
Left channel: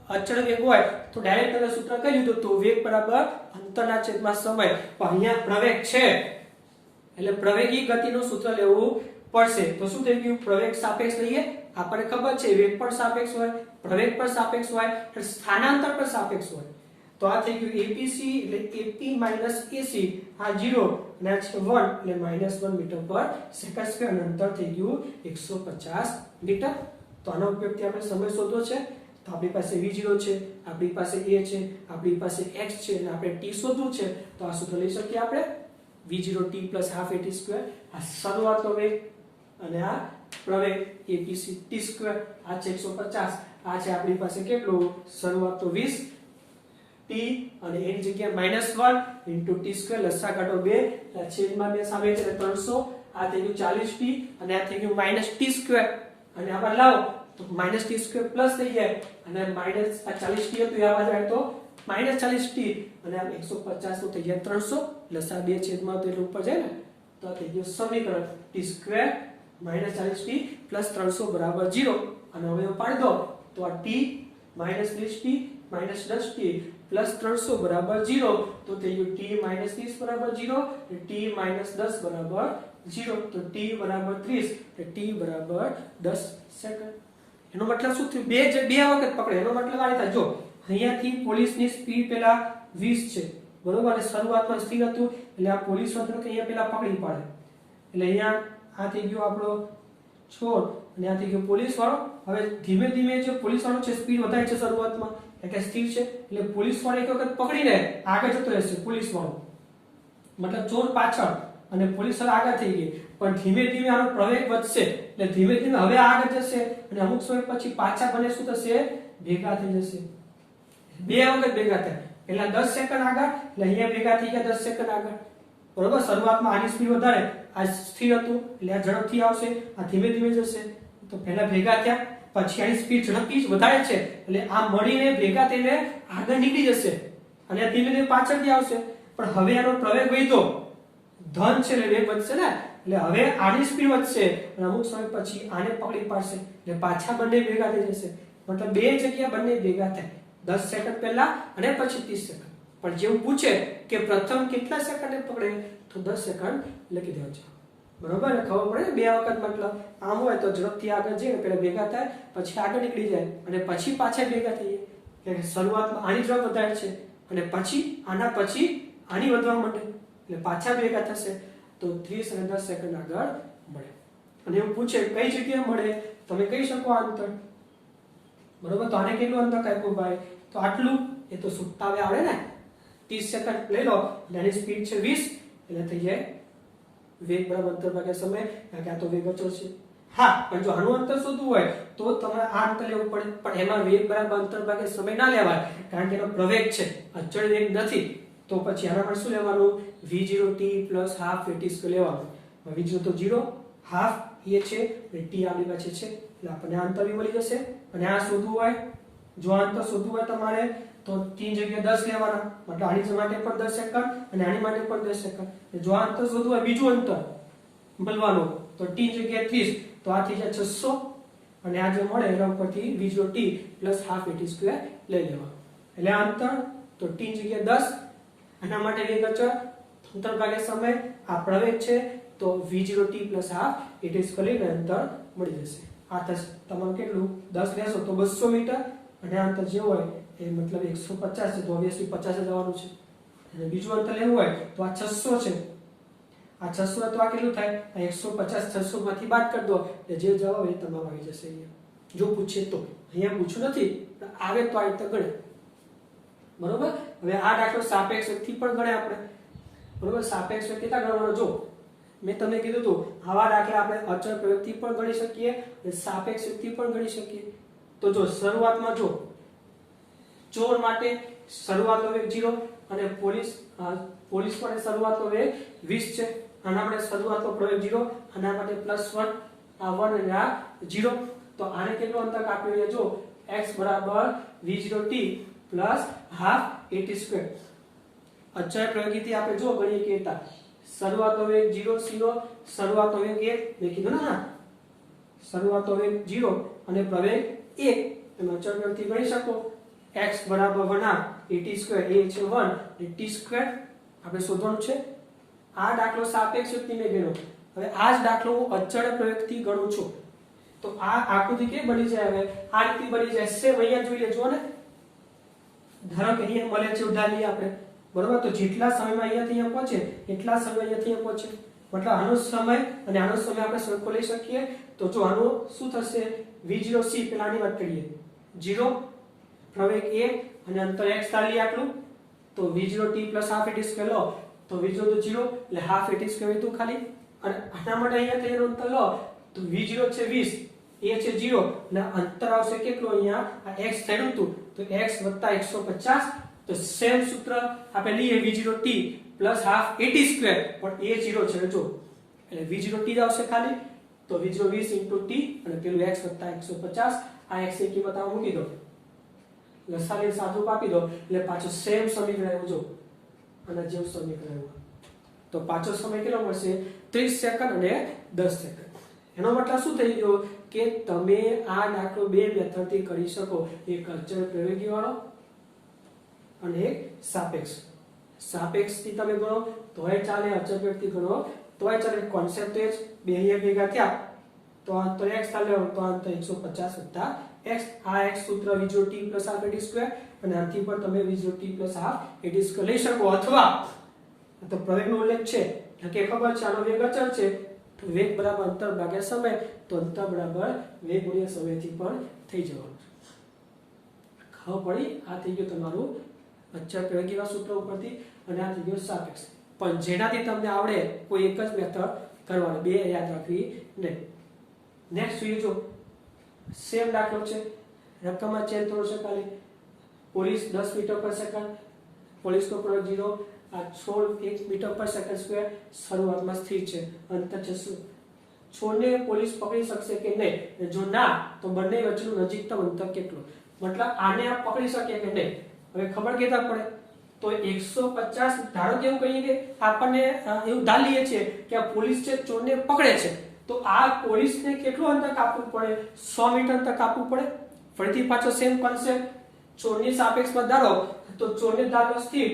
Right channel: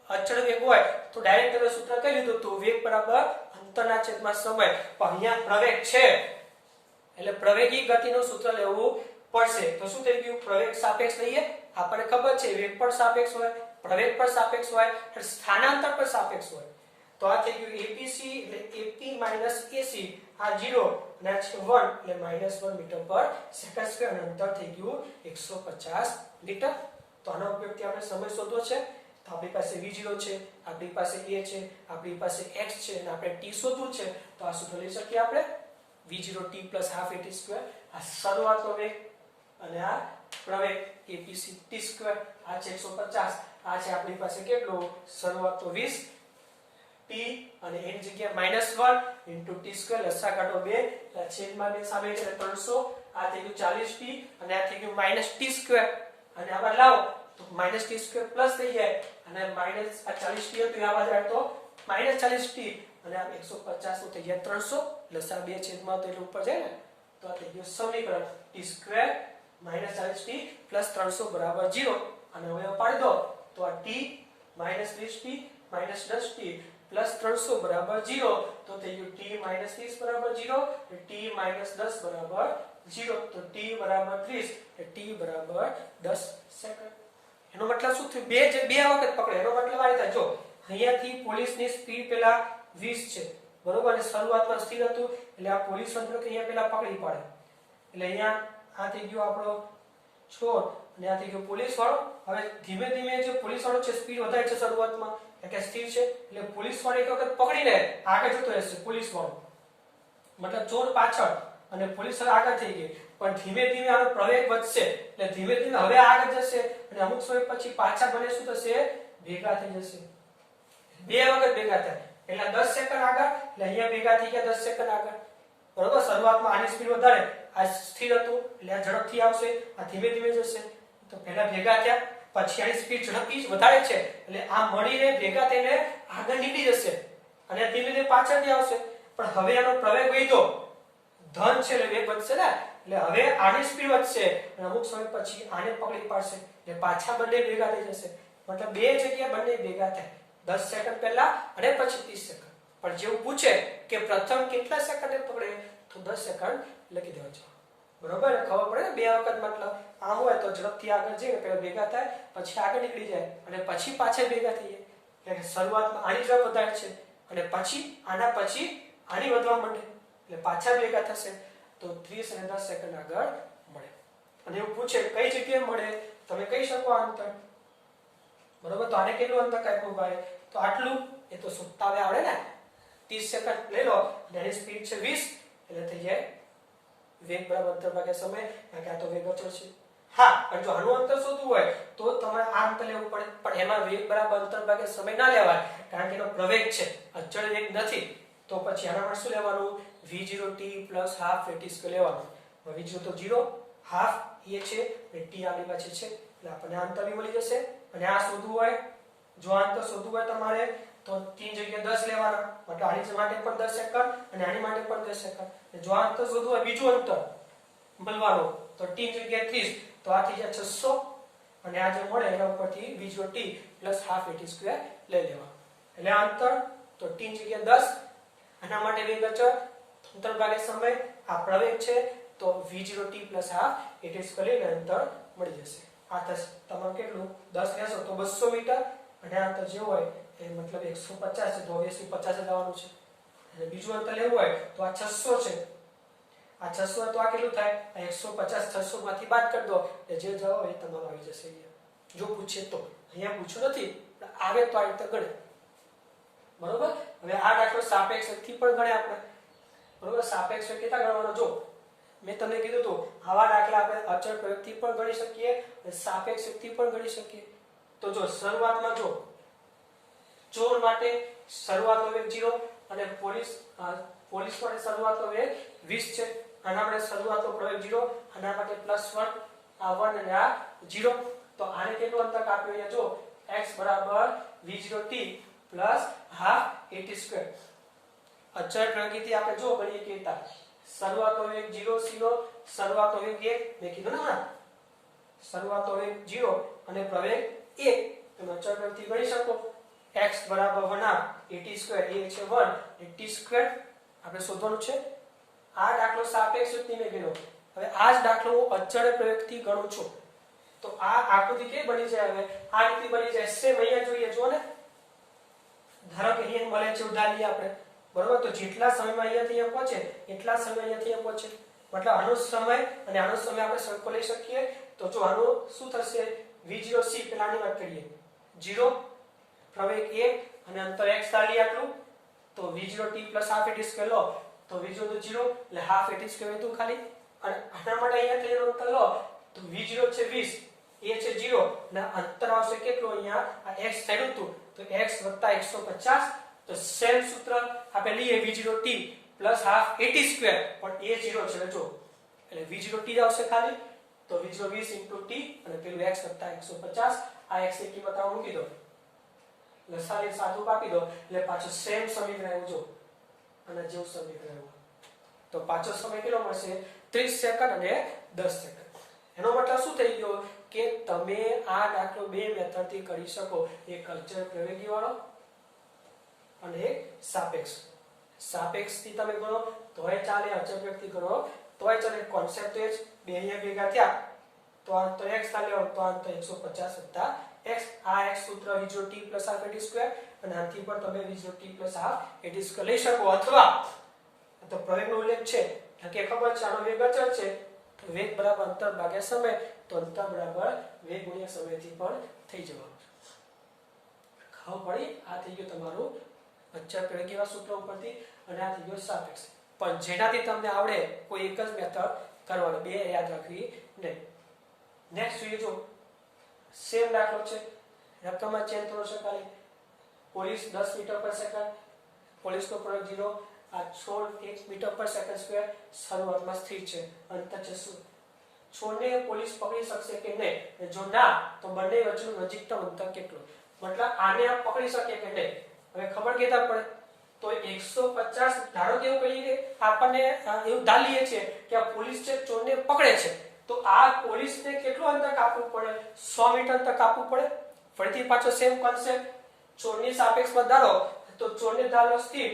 અચળ વેગ હોય તો ડાયરેક્ટ તમે સૂત્ર કહી દીધું તો વેગ બરાબર અંતરના છેદમાં સમય. પણ અહીંયા પ્રવેગ છે એટલે પ્રવેગી ગતિનું સૂત્ર લેવું પડશે. તો શું થઈ ગયું? પ્રવેગ સાપેક્ષ લઈએ. આપણને ખબર છે વેગ પર સાપેક્ષ હોય, પ્રવેગ પર સાપેક્ષ હોય, અને સ્થાનાંતર પર સાપેક્ષ હોય. તો આ થઈ ગયું એપીસી એટલે એપી માઇનસ એસી, આ 0 અને આ છે 1 એટલે -1 મીટર પર સેકન્ડ સ્ક્વેર, અને અંતર થઈ ગયું 150 મીટર. તો આનો ઉપયોગથી આપણે સમય શોધવો છે. તો આપણી પાસે v0 છે, આપણી પાસે a છે, આપણી પાસે x છે, અને આપણે t શોધવું છે. તો આ સૂત્ર લઈ શકીએ આપણે v0 t + ½ at². આ શરૂઆતનો વેગ અને આ પ્રવેગ apc t². આ છે 150. આ છે આપણી પાસે કેટલું? શરૂઆતનો 20 t અને એની જગ્યાએ -1 * t² લસા કાઢો 2 છેદમાં 2 સામે છે 300. આ થઈ ગયું 40t અને આ થઈ ગયું -t². અને આમાં લાવો તો -t² પ્લસ થઈ જાય, અને માઈનસ આ 40t હતું આ બાજુ આવે તો -40t, અને આ 150 નું થઈ જાય 300. લસા 2 છેદમાં તો એટલે ઉપર જાય ને, તો આ થઈ ગયું સમીકરણ t² -40t + 300 = 0. અને હવે પાડી દો તો આ t -30t -10t + 300 = 0. તો થઈ ગયું t - 30 = 0 અને t - 10 = 0. તો t = 30 એટલે t = 10 સેકન્ડ. એનો મતલબ શું થયું? બે વખત પકડે. એનો મતલબ આ રીતે જો અહીંયાથી પોલીસની સ્પીડ પેલા 20 છે બરોબર, અને શરૂઆતમાં સ્થિર હતું એટલે આ પોલીસ તંત્ર કે અહીંયા પેલા પકડી પાડે. એટલે અહીંયા આ થઈ ગયો આપણો છોડ અને આ થઈ ગયો પોલીસ વાળો. હવે ધીમે ધીમે જે પોલીસ વાળો છે સ્પીડ વધારે છે શરૂઆતમાં એટલે સ્થિર છે, એટલે પોલીસ વાળો એક વખત પકડીને આગળ જતો રહેશે. પોલીસ વાળો મતલબ ચોર પાછળ અને પોલીસ વાળો આગળ થઈ ગઈ, પણ ધીમે ધીમે આનો પ્રવેગ વધશે એટલે ધીમે ધીમે હવે આગળ જશે, અને અમુક સમય પછી પાછા બને શું થશે? ભેગા થઈ જશે. બે વખત ભેગા થાય એટલે 10 સેકન્ડ આગળ, એટલે અહીંયા ભેગા થઈ ગયા 10 સેકન્ડ આગળ બરોબર. શરૂઆતમાં આની સ્પીડ વધારે, આ સ્થિર હતું એટલે આ ઝડપથી આવશે, આ ધીમે ધીમે જશે. તો પહેલા ભેગા થયા, પછી આની સ્પીડ ઝડપથી જ વધારે છે એટલે આ મળીને ભેગા થઈને આગળ નીકળી જશે, અને ધીમે ધીમે પાછળથી આવશે. પણ હવે આનો પ્રવેગ વધ્યો, ધન છે એટલે વેગ વધશે ને, એટલે હવે આની સ્પીડ વધશે અને અમુક સમય પછી આને પકડી પાડશે એટલે પાછા બંને ભેગા થઈ જશે. મતલબ બે જગ્યા બંને ભેગા થાય, 10 સેકન્ડ પહેલા અને પછી 30 સેકન્ડ. પણ જેવું પૂછે કે પ્રથમ કેટલા સેકન્ડે પકડે તો 10 સેકન્ડ લખી દેવા છે બરોબર. ખબર પડે ને બે વખત મતલબ આમ હોય તો ઝડપથી આગળ જઈને પેલા ભેગા થાય, પછી આગળ નીકળી જાય અને પછી પાછા ભેગા થઈ જાય. એટલે શરૂઆતમાં આની ઝડપ વધારે છે અને પછી આના પછી આની વધવા માંડે એટલે પાછા ભેગા થશે. તો 30 અને 10 સેકન્ડ આગળ મળે. અને એવું પૂછે કઈ જગ્યાએ મળે, તમે કહી શકો આ અંતર બરોબર. તો આને કેટલું અંતર કાપ્યું ભાઈ? તો આટલું. એ તો સુત્તાવે આવડે ને. 30 સેકન્ડ લઈ લો, એની સ્પીડ છે 20 એટલે થઈ જાય વેગ બરાબર અંતર ભાગ્યા સમય, કારણ કે આ તો વેગ અચળ છે. હા, પણ જો આનું અંતર શોધવું હોય તો તમારે આ અંતર લેવું પડે, પણ એમાં વેગ બરાબર અંતર ભાગ્યા સમય ના લેવાય, કારણ કે એનો પ્રવેગ છે, અચળ વેગ નથી. તો પછી આના માટે શું લેવાનું? v0t + ½ at² લેવાનું. v0 તો 0, ½ એ છે એટલે t આપણી પાસે છે એટલે આપણને આ અંતર બી મળી જશે. અને આ શોધવું હોય, જો આ અંતર શોધવું હોય તમારે તો t ની જગ્યાએ 10 લેવાના, મતલબ આની માટે પણ 10 સેકન્ડ અને આની માટે પણ 10 સેકન્ડ. જો આ અંતર શોધવું હોય બીજું અંતર મળવાનું તો t ની જગ્યાએ 30, તો આ થઈ જાય 600, અને આ જે મળે એના ઉપરથી v0t + ½ at² લઈ લેવા. એટલે આ અંતર તો t ની જગ્યાએ 10, આના માટે વેગ અચળ, અંતર ભાગ્યા સમય, આ પ્રવેગ છે તો v0t + ½ at² લઈને અંતર મળી જશે. આ થશે તમારું કેટલું? 10 લેશો તો 200 મીટર, અને આ અંતર જે હોય એ મતલબ 150 છે તો ઓબ્વિયસલી 50 જ આવવાનું છે. અને બીજું અંતર લેવું હોય તો આ 600 છે, આ 600 તો આ કેટલું થાય? આ 150 600 માંથી બાદ કરી દો એટલે જે જવાબ એ તમારો આવી જશે અહીંયા. જો પૂછે તો, અહીંયા પૂછ્યું નથી, આવે તો આ રીતે ગણે બરોબર. હવે આ દાખલો સાપેક્ષ થી પણ ગણે આપણે બરોબર. સાપેક્ષ કેટલા ગણવાનો? જો મેં તમને કીધું હતું આવા દાખલા આપણે અચળ પ્રવેગથી પણ ગણી શકીએ અને સાપેક્ષ થી પણ ગણી શકીએ. તો જો શરૂઆતમાં જો ચોર માટે શરૂઆતનો વેગ 0 અને પોલીસ માટે શરૂઆતનો વેગ 20 છે. આના માટે શરૂઆતનો પ્રવેગ 0, આના માટે +1, આ 1 અને આ 0. તો આને કેટલું અંતર કાપ્યું? જો x = v0t + ½ at². અચળ પ્રવેગથી આપણે જો ગણીએ કેટલા? શરૂઆતનો વેગ 0 c નો, શરૂઆતનો વેગ 1 મેં કીધું ને, શરૂઆતનો વેગ 0 અને પ્રવેગ 1, તમે અચળ પ્રવેગથી ગણી શકો. x = 1/2 at² એ છે 1 અને t² આપણે શોધવાનું છે. આ દાખલો સાપેક્ષ યુક્તિ મેં ગણ્યો, હવે આ જ દાખલો હું અચળ પ્રવેગથી ગણું છું તો આ આકૃતિ કેવી બની જાય? હવે આ રીતે બની જાય. સેમ અહીંયા જોઈએ, જો ને, ધારો કે અહીંયા મળે છે ઉદાહરણીએ આપણે, બરોબર? તો જેટલા સમયમાં અહીંયાથી અહીંયા પહોંચે એટલા સમય અહીંયાથી અહીંયા પહોંચે, મતલબ આનો સમય અને આનો સમય આપણે સરખો લઈ શકીએ. તો જો આનું શું થશે? v0c, પેલાની વાત કરીએ, 0 પ્રવેગ a અને અંતર x ધારી આટલું, તો v0t + ½ at² લો તો v0 તો 0 એટલે ½ at² હતું ખાલી. અને આના માટે અહીંયા તેનું અંતર લો તો v0 છે 20, a છે 0 અને અંતર આવશે કેટલું? અહીંયા આ x થયું હતું તો x + 150. તો સેમ સૂત્ર આપણે લઈએ, v0t + ½ at² પણ a 0 છે જો, એટલે v0t આવશે ખાલી. તો v0 20 * t અને પેલું x + 150. આ x ની કિંમત આમાં મૂકી દો, લસાઅની સાદું કાપી દો એટલે પાછો સેમ સમીકરણ આવ્યું જો, અને જેવું સમીકરણ આવ્યું. તો પાછો સમય કેટલો મળશે? 30 સેકન્ડ અને 10 સેકન્ડ. એનો મતલબ શું થઈ ગયો કે તમે આ દાખલો બે મેથડથી કરી શકો, એક અચળ પ્રવેગી વાળો અને એક સાપેક્ષ. સાપેક્ષથી તમે ગણો તોય ચાલે, અચળ પ્રવેગથી ગણો તોય ચાલે. કોન્સેપ્ટ એ જ બે અહીંયા ભેગા થયા તો આ તો x ચાલે, તો આ તો 150 + x. આ x સૂત્ર v0t + ½ at² અને આથી પણ તમે v0t + ½ at² લઈ શકો. અથવા તો પ્રવેગનો ઉલ્લેખ છે કે ખબર છે આનો વેગ અચળ છે, તો વેગ બરાબર અંતર ભાગ્યા સમય, તો અંતર બરાબર વેગ ગુણ્યા સમયથી પણ થઈ જવાનું. ખબર પડી? આ થઈ ગયું તમારું અચળ પ્રવેગીના સૂત્ર ઉપરથી, અને આ થઈ ગયો સાપેક્ષ. પણ જેનાથી તમને આવડે કોઈ એક જ મેથડ કરવાની, બે યાદ રાખવી નહીં. નેક્સ્ટ જોઈએ, જો સેમ દાખલો છે, રકમમાં ચેન્જ થયો છે ખાલી. પોલીસ 10 મીટર/સેકન્ડ, પોલીસનો પ્રવેગ 0, આ છોડ 1 મીટર/સેકન્ડ², શરૂઆતમાં સ્થિર છે. અંતર છે શું? છોડને પોલીસ પકડી શકશે કે નહીં? જો ના, તો બંને વચ્ચેનું નજીકતમ અંતર કેટલું? મતલબ આને આ પકડી શકે કે નહીં? હવે ખબર કેતા પડે. તો 150, ધારો કે એવું કહીએ કે આપણને એવું ધારી લઈએ છીએ કે આ પોલીસ છે ચોરને પકડે છે, તો આ પોલીસને કેટલું અંતર કાપવું પડે? 100 મીટર અંતર કાપવું પડે. ફરીથી પાછો સેમ કોન્સેપ્ટ, ચોરની સાપેક્ષમાં ધારો તો ચોરને ધારો સ્થિર,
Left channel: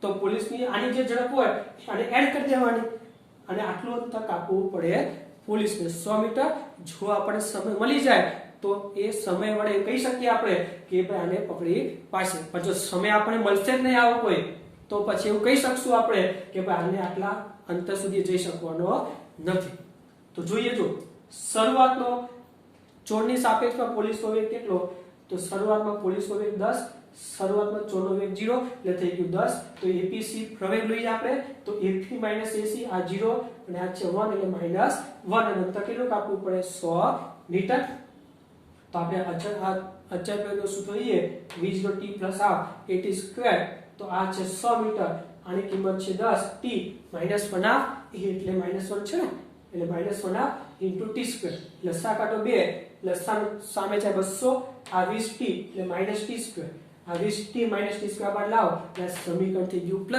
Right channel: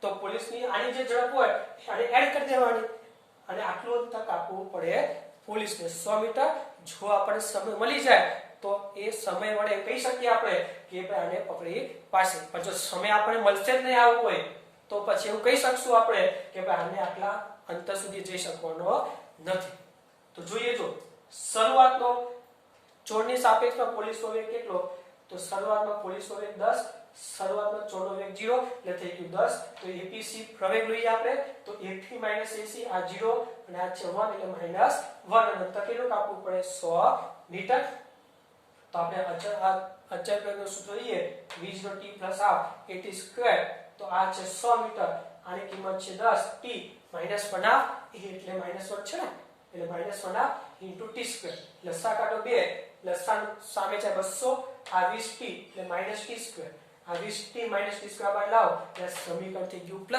તો પોલીસની આની જે ઝડપ હોય અને એડ કરી દેવાની, અને આટલું અંતર કાપવું પડે પોલીસને 100 મીટર. જો આપણને સમય મળી જાય તો એ સમય વડે કહી શકીએ આપણે કે ભાઈ આને પકડી પાડશે. પણ જો સમય આપણને મળશે જ નહીં આવો કોઈ, તો પછી એવું કહી શકશું આપણે કે ભાઈ આને આટલા અંતર સુધી જઈ શકવાનો નથી. તો જોઈએ, જો શરૂઆતનો ચોરની સાપેક્ષમાં પોલીસનો વેગ કેટલો? તો શરૂઆતમાં પોલીસનો વેગ 10, શરૂઆતમાં ચોરનો વેગ 0 એટલે થઈ ગયું 10. તો APC પ્રવેગ લઈએ આપણે, તો AP - AC આ 0 અને આ છે 1 એટલે -1, અને અંતર કેટલું કાપવું પડે? 100 મીટર. તો આપણે અચળ પ્રવેગનો સૂત્ર લઈએ, v0t + ½ at², તો આ છે 100 મીટર, આની કિંમત છે 10, t -1/2 એટલે -1 છે ને, એટલે -1/2 * t². લસા કાઢો 2, લસા સામે છે 200, આ 20t એટલે -t². આ 20t - t² બાદ લાવો એટલે સમીકરણ થઈ ગયું +t²,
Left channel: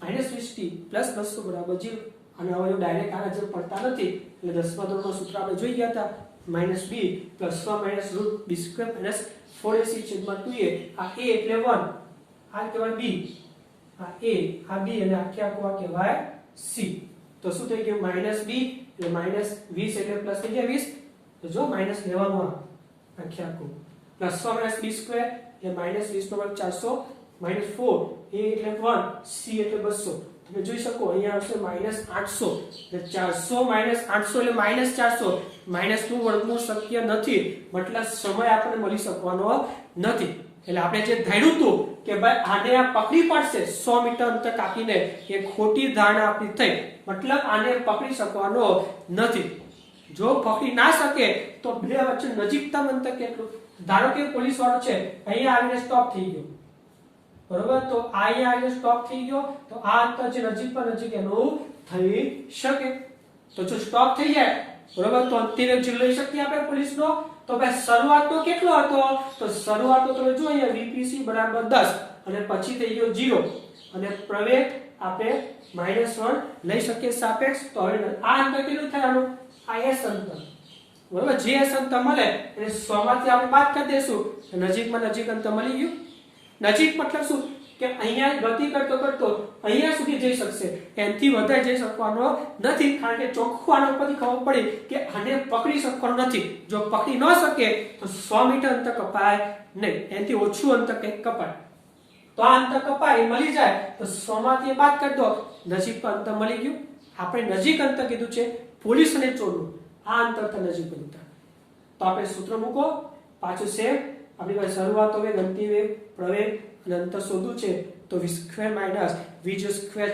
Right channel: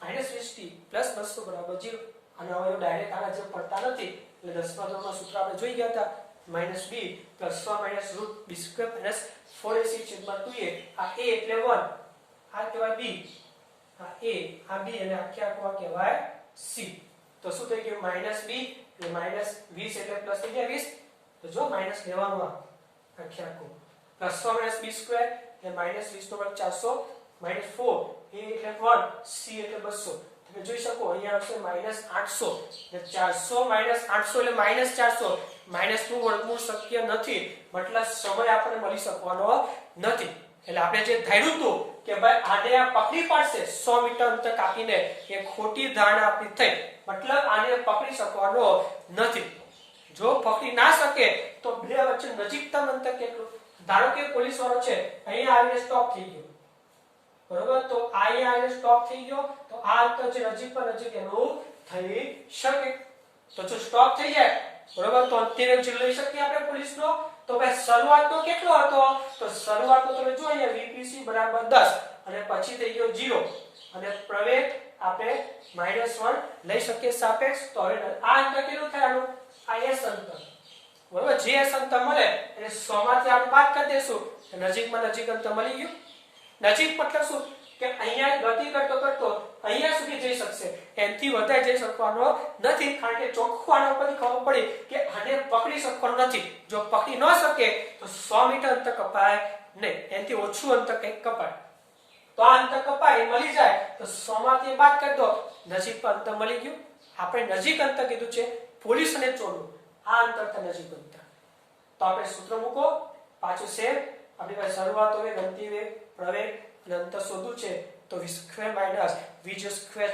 -20t + 200 = 0. અને હવે ડાયરેક્ટ આના જેમ પડતા નથી, એટલે 10મા ધોરણનું સૂત્ર આપણે જોઈ ગયા હતા, -b + 1 - √b² - 4ac/2a. આ a એટલે 1, આ કહેવાય b, આ a, આ b, અને આખે આખું આ કહેવાય c. તો શું થઈ ગયું? -b એટલે -20 એટલે પ્લસ થઈ ગયા 20, તો જો માઈનસ લેવાનું આખે આખું, +1 - b² એટલે -20 નો વર્ગ 400, -4 a એટલે 1, c એટલે 200. તમે જોઈ શકો અહીંયા આવશે -800, એટલે 400 - 800 એટલે -400. માઈનસનું વર્ગમૂળ શક્ય નથી, મતલબ સમય આપણને મળી શકવાનો નથી. એટલે આપણે જે ધાર્યું હતું કે ભાઈ આને આ પકડી પાડશે 100 મીટર અંતર કાપીને, એ ખોટી ધારણા આપણી થઈ. મતલબ આને પકડી શકવાનો નથી. જો પકડી ના શકે તો બે વચ્ચે નજીકતમ અંતર કેટલું? ધારો કે પોલીસ વાળો છે અહીંયા આવીને સ્ટોપ થઈ ગયો, બરોબર? તો અહીંયા આવીને સ્ટોપ થઈ ગયો, તો આ અંતર છે નજીક પર નજીક એનું થઈ શકે. તો જો સ્ટોપ થઈ જાય, બરોબર, તો અંતિમ વેગ લઈ શકીએ આપણે પોલીસનો. તો ભાઈ શરૂઆતનો કેટલો હતો? તો શરૂઆતનો તમે જો અહીંયા VPC = 10, અને પછી થઈ ગયો 0, અને પ્રવેગ આપણે -1 લઈ શકીએ સાપેક્ષ. તો હવે આ અંતર કેટલું થાય આનું? આ s અંતર, બરોબર? જે s અંતર મળે એને 100 માંથી આપણે બાદ કરી દેશું, નજીકમાં નજીક અંતર મળી ગયું. નજીક મતલબ શું? કે અહીંયા ગતિ કરતો કરતો અહીંયા સુધી જઈ શકશે, એનાથી વધારે જઈ શકવાનો નથી, કારણ કે ચોખ્ખું આના ઉપરથી ખબર પડી કે આને પકડી શકવાનો નથી. જો પકડી ન શકે તો 100 મીટર અંતર કપાય નહીં, એનાથી ઓછું અંતર કંઈક કપાય. તો આ અંતર કપાય એ મળી જાય તો 100 માંથી બાદ કરી દો, નજીક પર અંતર મળી ગયું. આપણે નજીક અંતર કીધું છે પોલીસ અને ચોરનું, આ અંતર તો નજીક અંતર. તો આપણે સૂત્ર મૂકો, પાછું સેમ. આપણી પાસે શરૂઆત વેગ, અંતિમ વેગ, પ્રવેગ અને અંતર શોધવું છે તો v² માઇનસ v²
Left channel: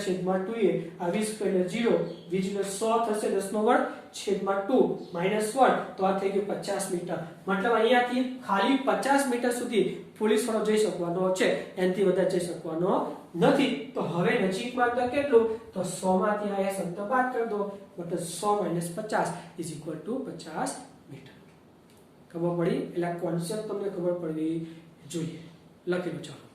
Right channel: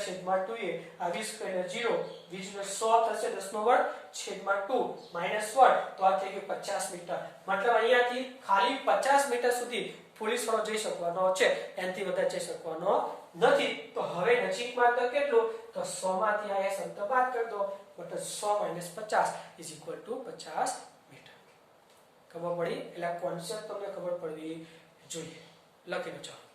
છેદમાં 2a, આ v² એટલે 0, v0 100 થશે 10 છેદમાં 2 માઇનસ 1, તો આ થઈ ગયું 50 મીટર. મતલબ અહીંયાથી ખાલી 50 મીટર સુધી પોલીસ વાળો જઈ શકવાનો છે, એનાથી વધારે જઈ શકવાનો નથી. તો હવે નજીકમાં અંતર કેટલું, તો 100 માંથી આ અંતર બાદ કરી દો, મતલબ 100 - 50 = 50 મીટર. ખબર પડી? એટલે કોન્સેપ્ટ તમને ખબર પડવી જોઈએ. લખી લો ચાલો.